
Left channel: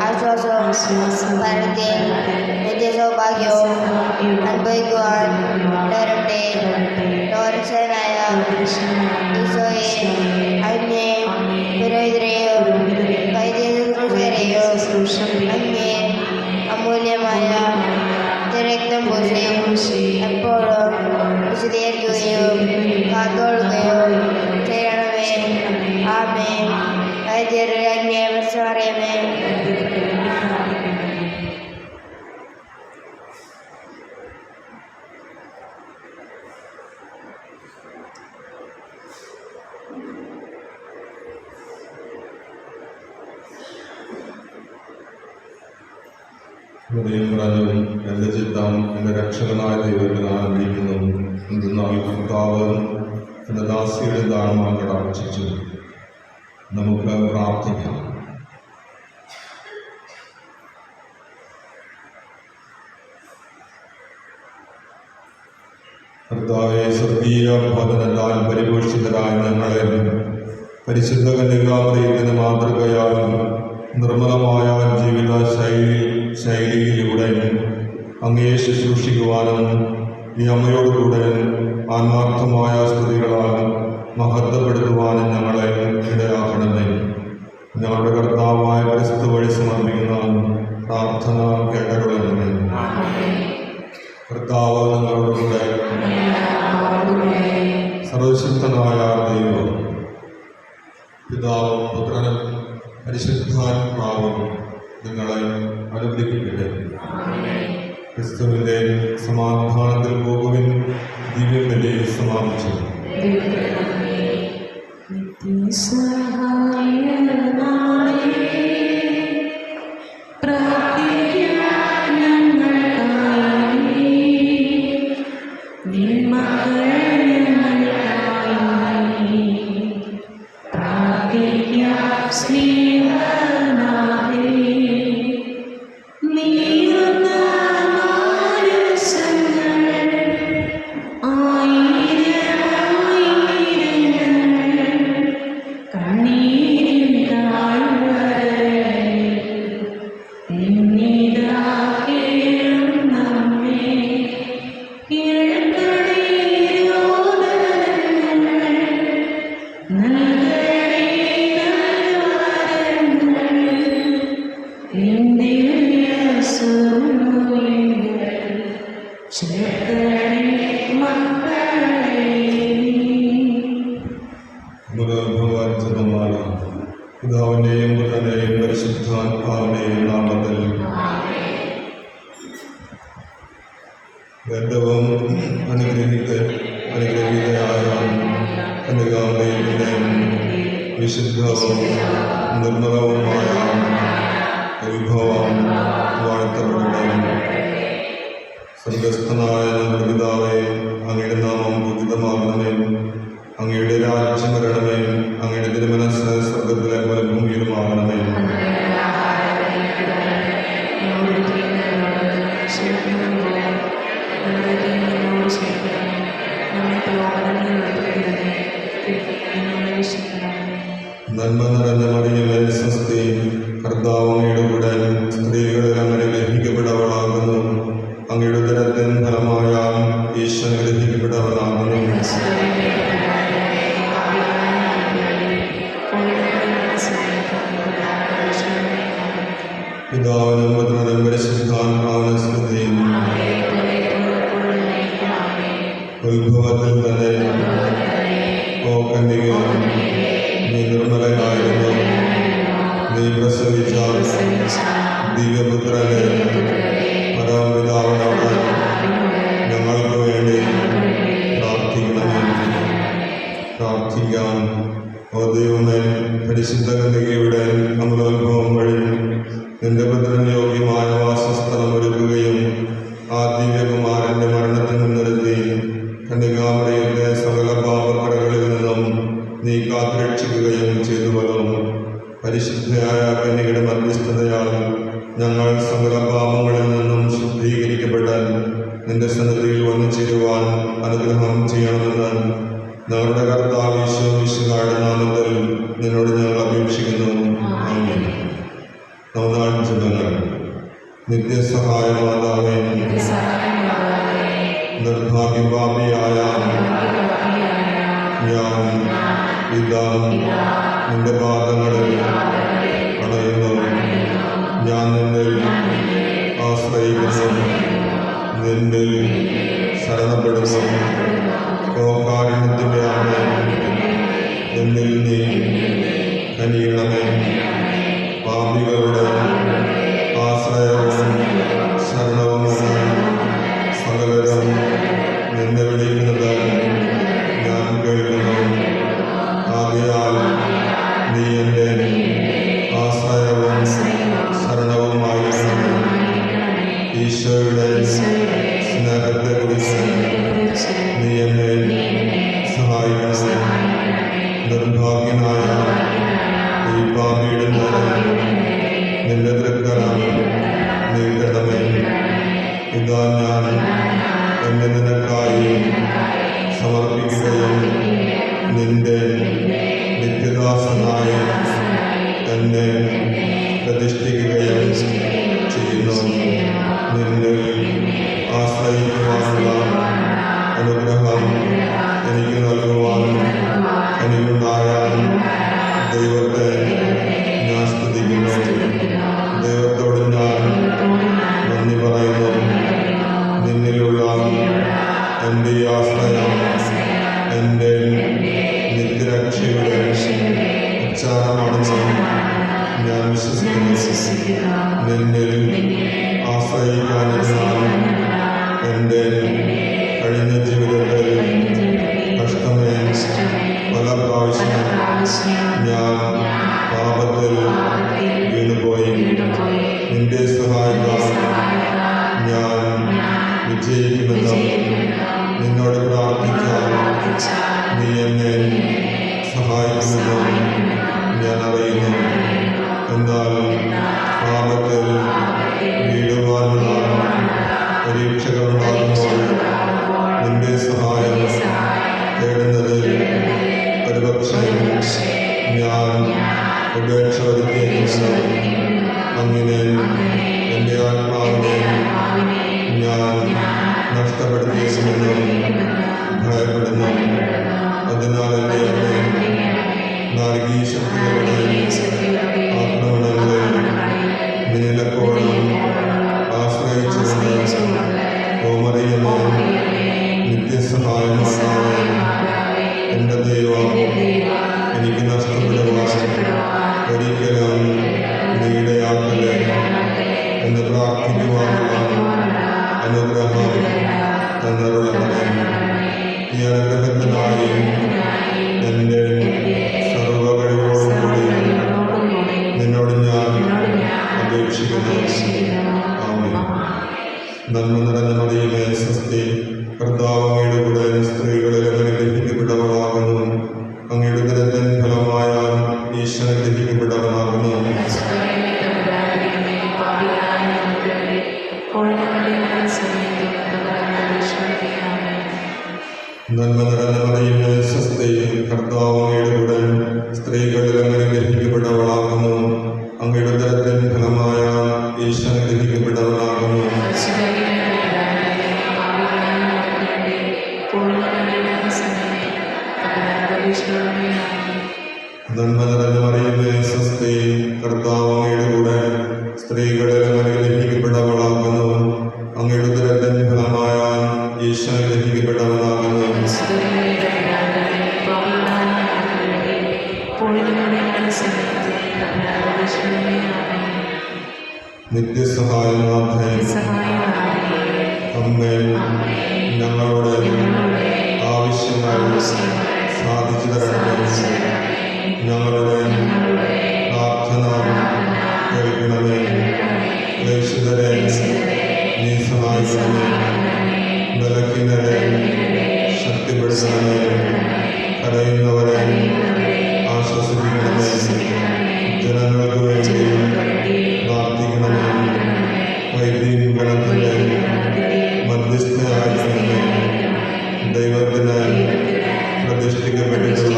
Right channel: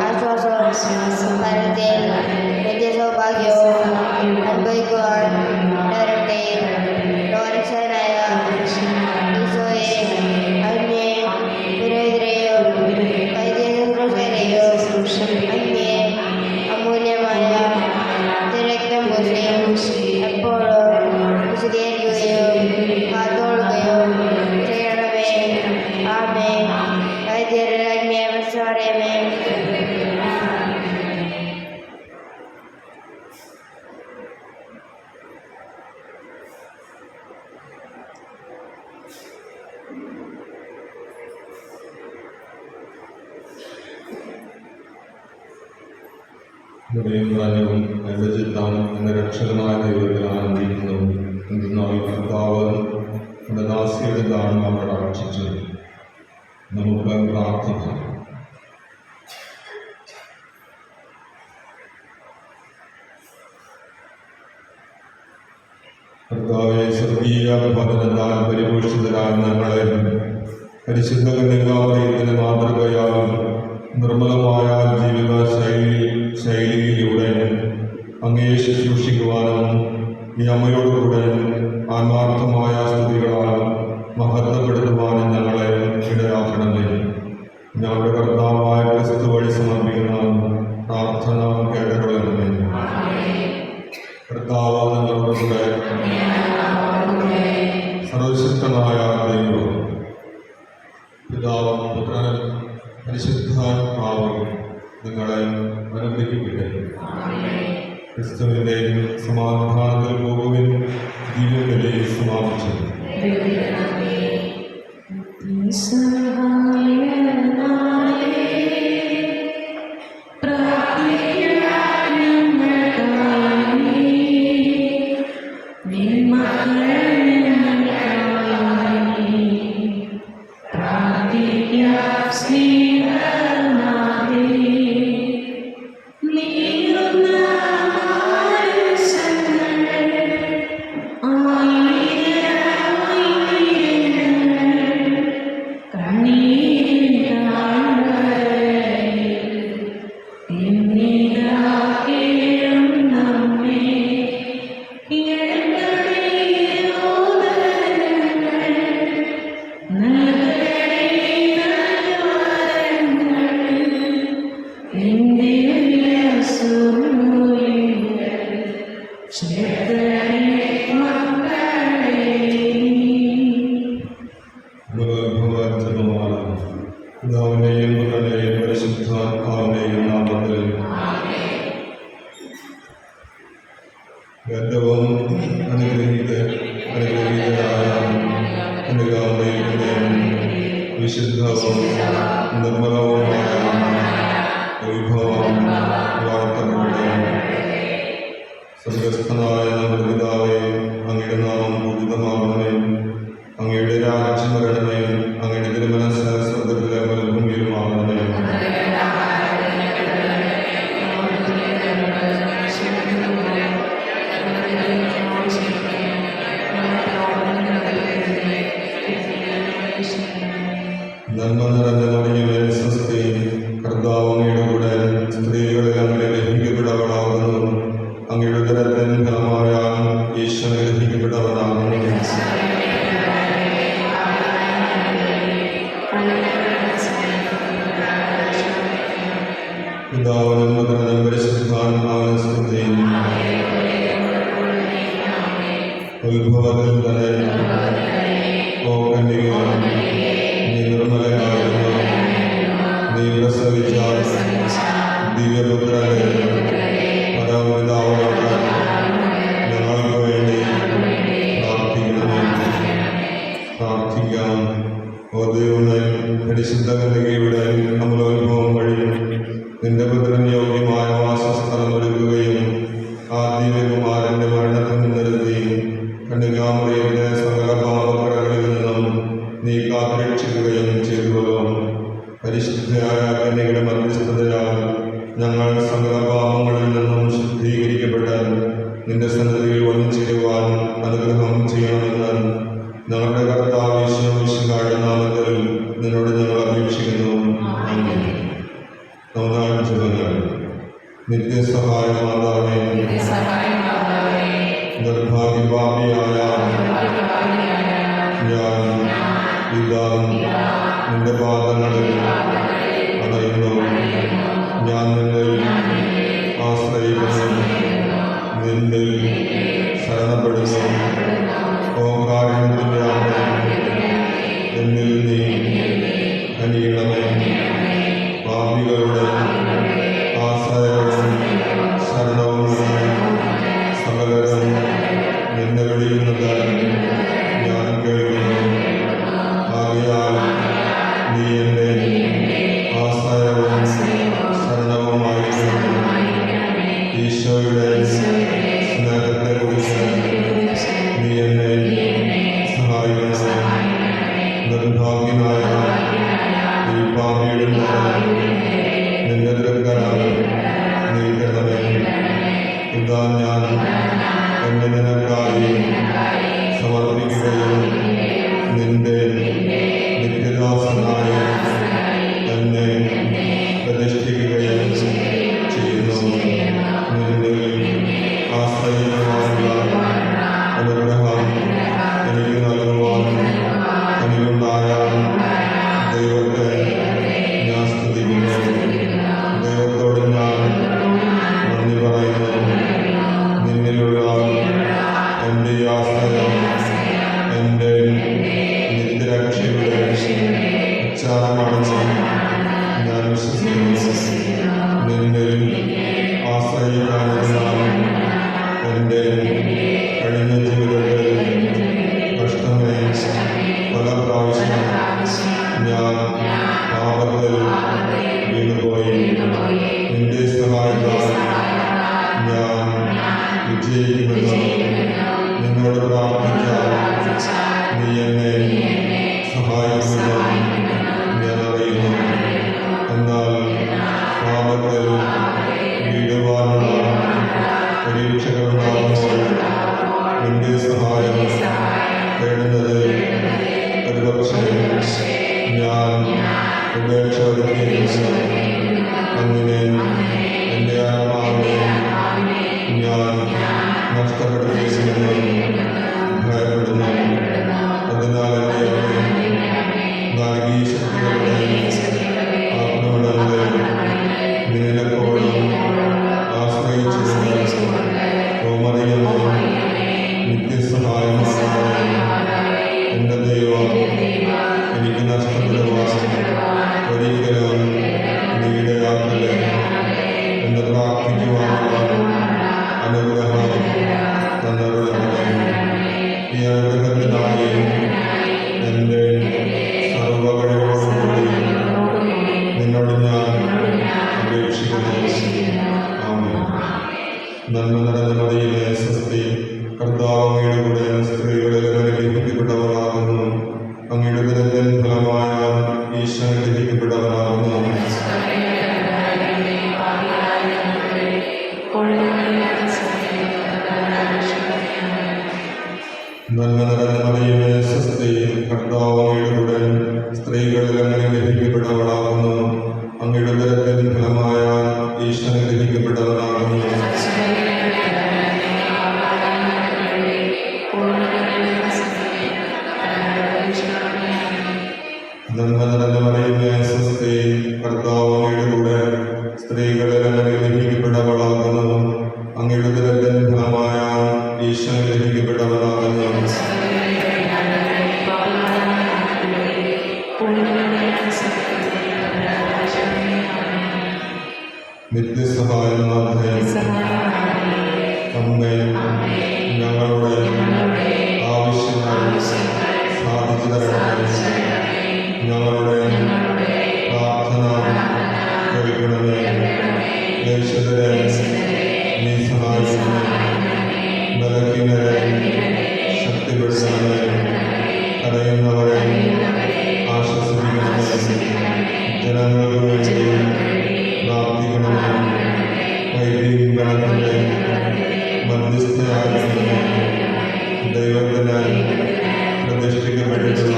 ആശ്വാസവും മരണത്തിൽ നിത്യസൗഭാഗ്യവും അനുഭവിക്കുവാൻ ഇടവരട്ടെ. ലോകരക്ഷകനായ ഈശോയെ, അങ്ങേ പുരോഹിതരെയും വൈദിക ശുശ്രൂഷകരെയും അങ്ങേ അമൂല്യമായ തിരക്തം പൂശി എപ്പോഴും വിശദീകരിക്കുകയും കാത്തുകൊള്ളുകയും ചെയ്യണമേ. ആമേൻ. വൈദ്യരെ അങ്ങേ അറിയമേ. ഹൃദയം എൻ്റെ ചിത്തം എൻ്റെ രക്ഷകനായ ദൈവത്തിൽ ആനന്ദിക്കുന്നു. എന്തെന്നാൽ കർത്താവ് എൻ്റെ ദാസിയുടെ ദാനം കടാക്ഷിച്ചു. നമുക്ക് പ്രാർത്ഥിക്കാം. കർത്താവേ, സ്വർഗീയ ഭവനത്താൽ പരിപോഷിതരായ ഞങ്ങളെ പരിശുദ്ധ കന്യകാമറിയത്തിൻ്റെ മാതൃകയാൽ നിർമ്മലമായ ജീവിത ശൈലിയിലൂടെ അങ്ങേ ശുശ്രൂഷിക്കുവാനും ഈ അമ്മയോടുകൂടെ ആത്മാർത്ഥമായ സ്തുതികളാൽ മഹത്വപ്പെടുത്തുവാനും ഞങ്ങളെ ഇടയാക്കണമേ. ഞങ്ങളുടെ കർത്താവായ ക്രിസ്തു വഴി സമർപ്പിക്കുന്ന പ്രാർത്ഥന കേട്ടകൊള്ളണമേ. കർത്താവ് നിങ്ങളുടെ കൂടെ. സർവശക്തനായ ദൈവം പിതാവും പുത്രനും പരിശുദ്ധാത്മാവും നിങ്ങളെ അനുഗ്രഹിക്കട്ടെ. ക്രിസ്തുവിൻ്റെ സമാധാനത്തിൽ പോകുവിൻ. ദിവ്യബലി സമാപിച്ചു. പിതാവിൻ്റെയും പുത്രൻ്റെയും പരിശുദ്ധാത്മാവിൻ്റെയും നാമത്തിൽ ഏറ്റവും അനുഗ്രഹീതയായ കന്യകാമറിയത്തിൻ്റെ വിശുദ്ധവും നിർമ്മലവുമായ വിഭവം വാഴ്ത്തപ്പെടട്ടെ. സ്വർഗസ്ഥനായ നമ്മുടെ പിതാവേ, അങ്ങയുടെ നാമം പൂജിതമാകണമേ. അങ്ങയുടെ രാജ്യം വരണമേ. അങ്ങയുടെ തിരുമനസ്സ് സ്വർഗത്തിലെ പോലെ ഭൂമിയിലുമാകണമേ. നന്മ നിറഞ്ഞ മറിയമേ, സ്വസ്തി, കർത്താവ് അങ്ങയുടെ കൂടെ. സ്ത്രീകളിൽ അങ്ങനെ ഗ്രഹിക്കപ്പെടവളാകുന്നു. അങ്ങയുടെ ഉദരത്തിൻ ഫലമായ ഈശോ ഗ്രഹിക്കപ്പെടവളാകുന്നു. പിതാവിനും പുത്രനും പരിശുദ്ധാത്മാവിനും സ്തുതി. ഉത്ഭവത്തിൽ തന്നെ ഓ കന്യക, നീ നിർമ്മലയായിരുന്നു. നീ പ്രസവിച്ച ദിവ്യപുത്രനെ പരമപിതാവിനോട് ഞങ്ങൾക്ക് വേണ്ടി പ്രാർത്ഥിക്കണമേ. പ്രാർത്ഥിക്കാം. ഓ ദൈവമേ, പരിശുദ്ധ കന്യകയുടെ അമലോത്ഭവം വഴി നിന്റെ പുത്രന് യോഗ്യമായ വാസസ്ഥലം ഒരുക്കുകയും ആ ദിവ്യകുമാരന്റെ മരണത്തിൽ മുൻനിർത്തി കന്യകാമറിയത്തെ സകല പാപക്കറകളിൽ നിന്നും നീ കാത്തുരക്ഷിക്കുകയും ചെയ്തുവല്ലോ. പരിശുദ്ധയായ കന്യകയുടെ മധ്യസ്ഥതയാൽ ഞങ്ങൾ സകല പാപങ്ങളിൽ നിന്നും ശുദ്ധീകരിക്കപ്പെടാൻ നിന്റെ സന്നിധിയിൽ വന്നുചേരുവാൻ അനുഗ്രഹം ചെയ്യണമെന്ന് ഞങ്ങളുടെ കർത്താവ് ഈശോ മിശിഹായുടെ നാമത്തിൽ നിന്നോട് ഞങ്ങൾ അപേക്ഷിക്കുന്നു. ആമേൻ. നവനാൾ ജപങ്ങൾ. നിത്യസഹായ മാതാവേ, നിർഭാഗ്യപാപിയായ ഞാൻ ഇതാ നിന്റെ പാദങ്ങളിൽ അണയുന്നു. ഞാൻ നിന്നിൽ ആശ്രയിക്കുന്നു, നിന്നിൽ ശരണപ്പെടുന്നു. ഓ കാരുണ്യത്തിൻ്റെ അമ്മേ, എന്നിൽ നീ കനിയണമേ. പാപികളുടെ ആശ്രയവും ശരണവുമെന്ന് സകലരും നിന്നെ വിളിക്കുന്നത് ഞാൻ കേൾക്കുന്നു. ആകയാൽ നീ എൻ്റെ ആശ്രയവും ശരണവുമായിരുന്നു. സമർപ്പിക്കുകയും നിന്റെ നിത്യദാസനായ എന്നെ പ്രതിഷ്ഠിക്കുകയും ചെയ്യുന്നു. നിന്നിൽ ആശ്രയിക്കുവാനുള്ള അനുഗ്രഹം എനിക്ക് നൽകുവാൻ എനിക്കുണ്ടായ ദൈവത്തെ ഞാൻ സ്തുതിക്കുന്നു. ദൈവത്തോട് ഞാൻ നന്ദി പറയുന്നു. നിന്നിലുള്ള എൻ്റെ ആശ്രയം എൻ്റെ നിത്യരക്ഷയുടെ ഉച്ചാരമാണെന്ന് ഞാൻ വിശ്വസിക്കുന്നു. നിന്നിൽ ആശ്രയിക്കാനിരുന്നാൽ എൻ്റെ കഴിഞ്ഞ ജീവിതത്തിൽ കഷ്ടമേ പല പ്രാവശ്യം ഞാൻ പാപത്തിൽ വീണുപോയി. നിന്റെ സഹായത്താൽ ഞാൻ വിജയിക്കുമെന്ന് നിന്നോട് പ്രാർത്ഥിച്ചാൽ നീ എന്നെ സഹായിക്കുമെന്ന് ഞാൻ അറിയുന്നു. എന്നാൽ പാപത്തിൽ വീഴുവാനുള്ള പരീക്ഷകളുണ്ടാകുമ്പോൾ നിന്റെ സഹായം തേടുന്നത് ഒരുപക്ഷെ ഞാൻ ഉപേക്ഷ വരുത്തിയിരിക്കുന്നു. അങ്ങനെ എൻ്റെ ആത്മാവിനെ ഞാൻ നഷ്ടപ്പെടുത്തിയിരിക്കുമെന്ന് ഭയപ്പെടുന്നു. അതിനാൽ എൻ്റെ നാടകീയ ശക്തികളുടെയും ആത്മഗുണങ്ങളെയും നിന്നെപ്പോഴും ആശ്രയിച്ചുകൊണ്ട് ഓമറിയമേ നിത്യസഹായമാണമേ. എൻ്റെ ദൈവം എനിക്ക് നഷ്ടപ്പെടുവാൻ ഒരിക്കലും നീടയാക്കല്ലേ എന്ന് പ്രാർത്ഥിക്കുവാനുള്ള അനുഗ്രഹം തന്നരുളണമേ. ഈ അനുഗ്രഹത്തിനായി എൻ്റെ സർവ്വകഴിവോടും കൂടി നിന്നോട് ഞാൻ അപേക്ഷിക്കുന്നു. ആമേൻ. നന്മ നിറഞ്ഞ മറിയമേ സ്വസ്തി, കർത്താവ് അങ്ങയുടെ കൂടെ സ്ത്രീകളിൽ അനുഗ്രഹിക്കപ്പെട്ടവളാകുന്നു. അങ്ങയുടെ ഉദരത്തിൻ ഫലമായ ഈശോ അനുഗ്രഹിക്കപ്പെട്ടവനാകുന്നു. നന്മ നിറഞ്ഞ മറിയമേ സ്വസ്തി, കർത്താവ് അങ്ങയുടെ കൂടെ സ്ത്രീകളിൽ അനുഗ്രഹിക്കപ്പെട്ടവളാകുന്നു. അങ്ങയുടെ ഉദരത്തിൻ ഫലമായ ഈശോ അനുഗ്രഹിക്കപ്പെട്ടവനാകുന്നു. നന്മ നിറഞ്ഞ മറിയമേ സ്വസ്തി, കർത്താവ് അങ്ങയുടെ കൂടെ സ്ത്രീകളിൽ അനുഗ്രഹിക്കപ്പെട്ടവളാകുന്നു. അങ്ങയുടെ ഉദരത്തിൻ ഫലമായ ഈശോ അനുഗ്രഹിക്കപ്പെട്ടവനാകുന്നു. നിത്യസഹായനാഥേ അമ്മേ, ഞങ്ങളുടെ ആവശ്യങ്ങൾ സാധിച്ചു തരണമേ. ഞങ്ങളുടെ പ്രാർത്ഥന കേൾക്കണമേ. പ്രേക്ഷിതരെ നീ സഹായിക്കണമേ. ബലഹീനരെ ശക്തിപ്പെടുത്തണമേ. കരയുന്നവരെ ആശ്വസിപ്പിക്കണമേ. ജനങ്ങൾക്ക് വേണ്ടി പ്രാർത്ഥിക്കണമേ. വൈദ്യം ഗണത്തിൻ്റെ മധ്യസ്ഥയാകണമേ. ദൈവത്തിന് പ്രതിഷ്ഠിക്കപ്പെട്ടിട്ടുള്ള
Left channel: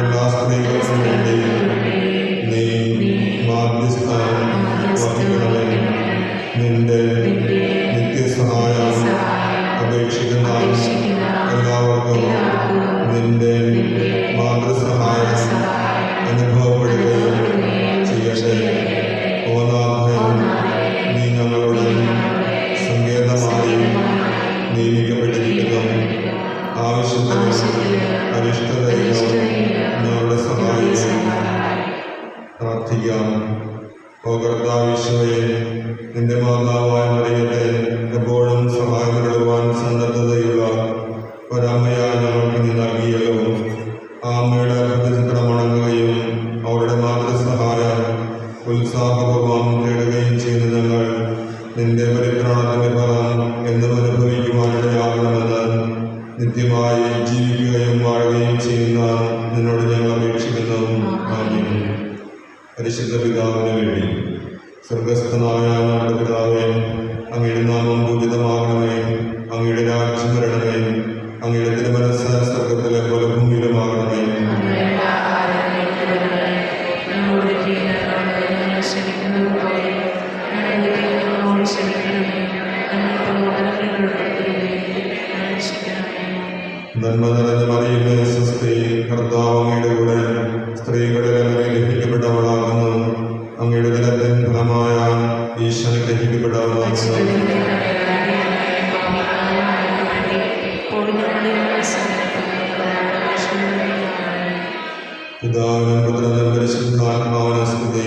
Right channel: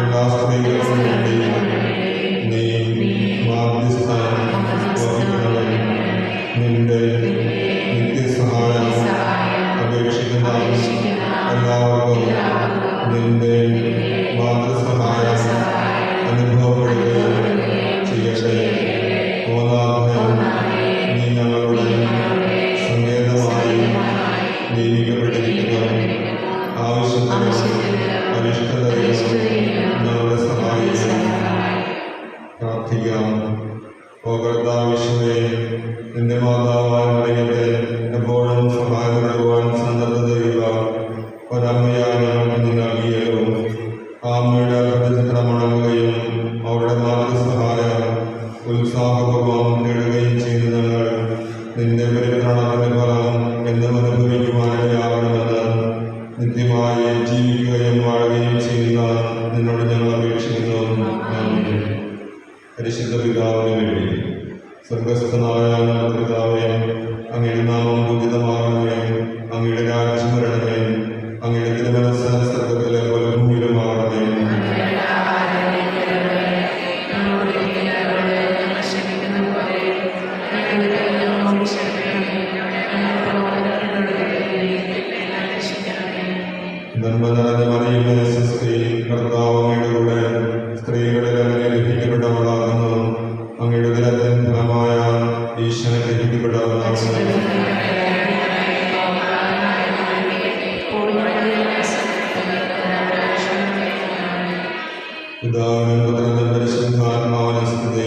എല്ലാ സ്ത്രീകൾക്കും വേണ്ടി നീ മാധ്യസ്ഥം വഹിക്കണമേ. നിന്റെ നിത്യസഹായം അപേക്ഷിക്കുന്ന എല്ലാവർക്കും നിന്റെ മാതൃസഹായം അനുഭവപ്പെടുകയും ചെയ്യട്ടെ. ഓനാഥൻ, നീ ഞങ്ങളുടെ സങ്കേതമായി നിയമിക്കപ്പെട്ടിരിക്കുന്നു. ആവശ്യത്തിനും അരിഷ്ടതയിലും ഞങ്ങളുടെ സഹായിക്കും. പ്രാർത്ഥിക്കാം. ഓ കർത്താവിശ്വയെ, നിന്റെ മാതാവാൻ മറിയത്തെ എപ്പോഴും സഹായം നൽകുവാൻ സന്നദ്ധതയുള്ള ഒരമ്മയാ ഞങ്ങൾക്ക് നീ നൽകിയല്ലോ. ആ അമ്മയുടെ അത്ഭുതചിത്രമണങ്ങുകയും അവരുടെ മാതൃസഹായം ഉത്സാഹപൂർവം കേടുകയും ചെയ്ത് ഞങ്ങൾ നിന്റെ പരിത്രാണത്തിന്റെ ഫലം എന്നും അനുഭവിക്കുവാനിടയാകണമെന്ന് നിത്യമായി ജീവിക്കുകയും വാഴുകയും ചെയ്യുന്ന നിന്നോട് ഞങ്ങൾ അപേക്ഷിക്കുന്നു. ആമേൻ. പരിശുദ്ധ പിതാവിന് വേണ്ടി. സ്വർഗസ്ഥനായ ഞങ്ങളുടെ പിതാവേ, അങ്ങയുടെ നാമം പൂജിതമാകണമേ. അങ്ങയുടെ രാജ്യം വരണമേ. അങ്ങയുടെ നന്മ നിറഞ്ഞ മറിയമേ സ്വസ്തി, കർത്താവ് അങ്ങയുടെ കൂടെ സ്ത്രീകളിൽ അങ്ങ് ഗ്രഹിക്കപ്പെട്ടവളാകുന്നു. അങ്ങയുടെ ഉദരത്തിൻ ഫലമായ ഈശോ ഗ്രഹിക്കപ്പെട്ടവളാകുന്നു. പിതാവിനും പുത്രനും പരിശുദ്ധാത്മാവിനും സ്തുതി.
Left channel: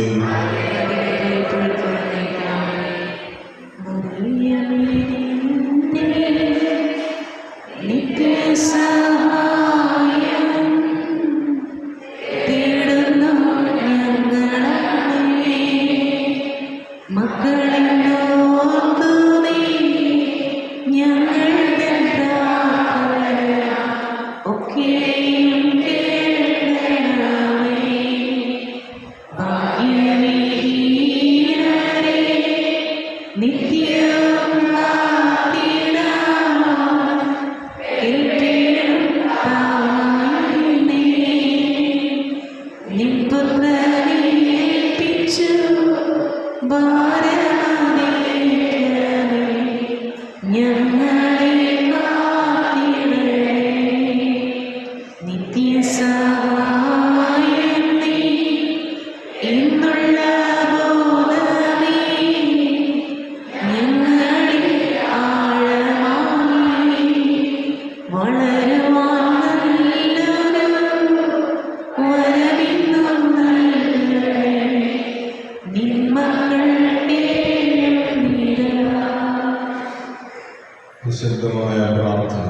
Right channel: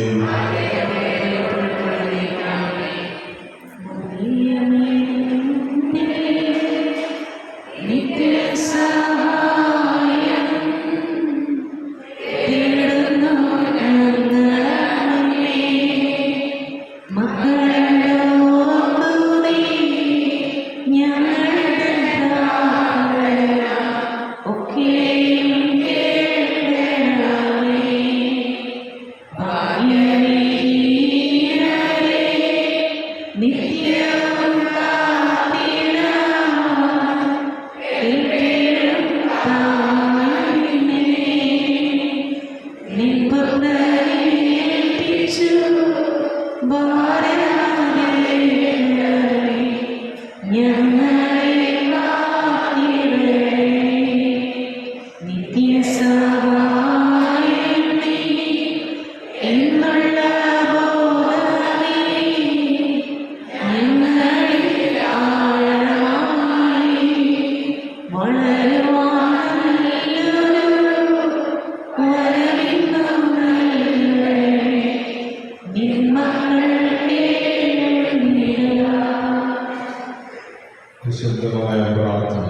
നിശബ്ദമായ പ്രാർത്ഥന.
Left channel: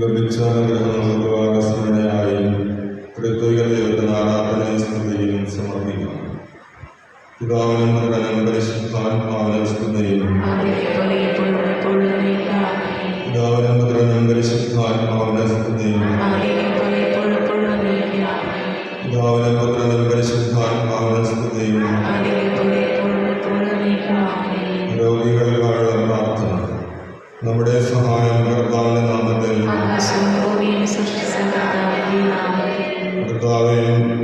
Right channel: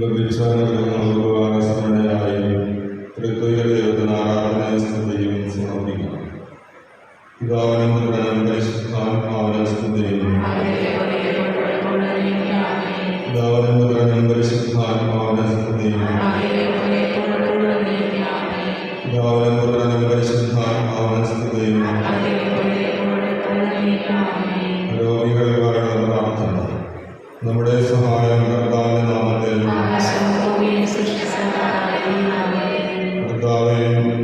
ലഭിച്ച അനുഗ്രഹങ്ങൾക്ക് വാഗസ്മരണയായി ത്രിത്വൈക ദൈവത്തിന് ആരാധനയും സ്തുതിയും സമർപ്പിക്കാം. പിതാവിനും പുത്രനും പരിശുദ്ധാത്മാവിനും സ്തുതിയും. പിതാവിനും പുത്രനും പരിശുദ്ധാത്മാവിനും സ്തുതിയും. പിതാവിനും പുത്രനും പരിശുദ്ധാത്മാവിനും സ്തുതിയും. രോഗികൾക്കായുള്ള പ്രാർത്ഥന. നമ്മുടെ സഹായം കർത്താവിന്റെ നാമത്തിൽ. കർത്താവേ,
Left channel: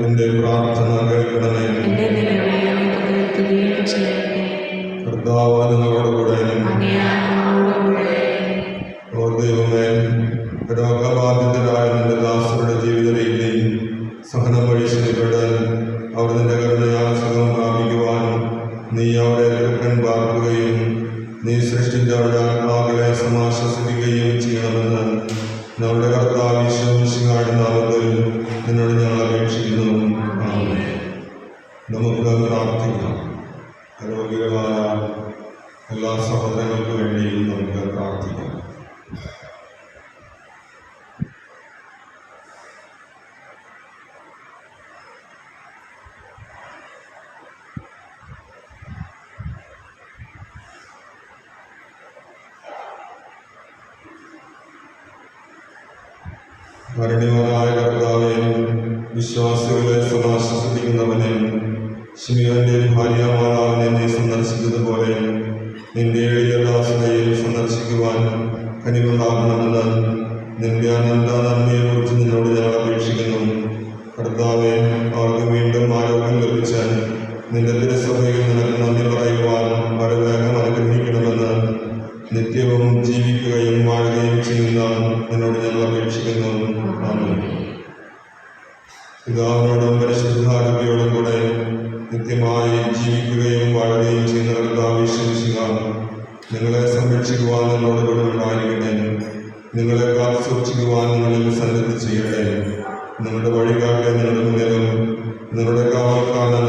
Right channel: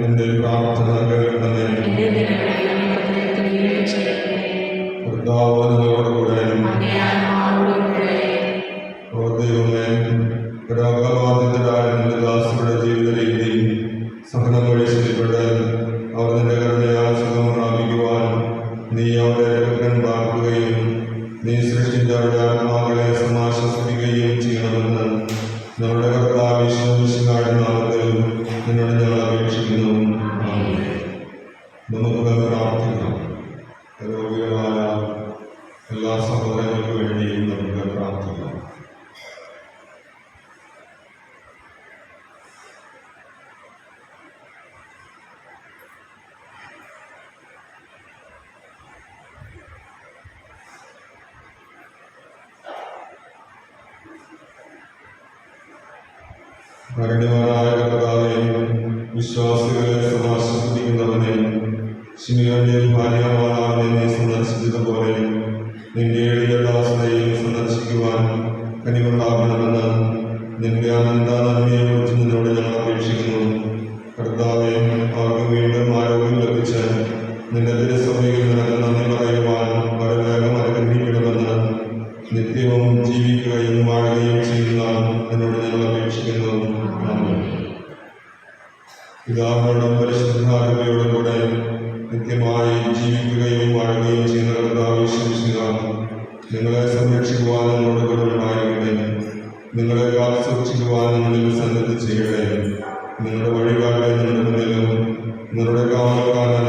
എൻ്റെ പ്രാർത്ഥന കേൾക്കണമേ. കർത്താവ് നിങ്ങളോട് കൂടെ. ഓ ദൈവമേ, രോഗബാധിതരായ നിന്റെ ദാസരുടെ ജീവിത രീതി സഹനം വഴി ശരിപ്പെട്ട് അവർ നിന്റെ കരുണയാൽ സുഖം പ്രാപിക്കുവാൻ നീ അവരെ പാർക്കുകയും നീ സൃഷ്ടിച്ച അവരുടെ ആത്മാക്കളെ സമാശ്വസിപ്പിക്കുകയും ചെയ്യണമെന്ന് നമ്മുടെ കർത്താവ് ഈശോ മിശിഹായുടെ നാമത്തിൽ നിന്നോട് ഞങ്ങൾ അപേക്ഷിക്കുന്നു. നമുക്ക് പ്രാർത്ഥിക്കാം. രോഗികളായ എല്ലാ സഹോദരങ്ങൾക്ക് വേണ്ടിയും നമുക്ക് പ്രാർത്ഥിക്കാം. കാരുണ്യവാനായ കർത്താവേ, വിശ്വാസികളെ സമാശ്വസിപ്പിക്കുന്നവനെ, ശിമിയോന്റെ ഭാര്യമാതാവിനെ നീ സന്ദർശിച്ചതുപോലെ നിന്റെ എളിയ ദാസനെയും സന്ദർശിക്കുവാൻ കനിവുണ്ടാകണമെന്ന് നിന്റെ അനന്ത നന്മയെക്കുറിച്ച് നിന്നോട് ഞങ്ങൾ അപേക്ഷിക്കുന്നു. കർത്താവെ, അവർക്ക് വീണ്ടും ആരോഗ്യം ലഭിച്ച് നിന്റെ തിരുസഭയിൽ നിനക്ക് നന്ദി പറയുവാൻ വരവേഗം അനുഗ്രഹിക്കണമെന്ന് നിത്യവും ജീവിക്കുകയും വാഴുകയും ചെയ്യുന്ന നിന്നോട് ഞങ്ങൾ അപേക്ഷിക്കുന്നു. പിതാവിനോടും പരിശുദ്ധാത്മാവിനോടും കൂടെ നിത്യമായി ജീവിക്കുകയും വാഴുകയും ചെയ്യുന്ന കർത്താവ് യേശുമിശിഹ നിങ്ങളെ സംരക്ഷിക്കുവാൻ നിങ്ങളോട് കൂടെ ഉണ്ടായിരിക്കട്ടെ. നിങ്ങളെ കാത്തു സൂക്ഷിക്കുവാൻ നിങ്ങളിൽ സന്നദ്ധ ചെയ്യട്ടെ. നിങ്ങളുടെ വഴികാട്ടെ നിങ്ങളുടെ മുന്നിലും നിങ്ങളുടെ കാവൽക്കാരൻ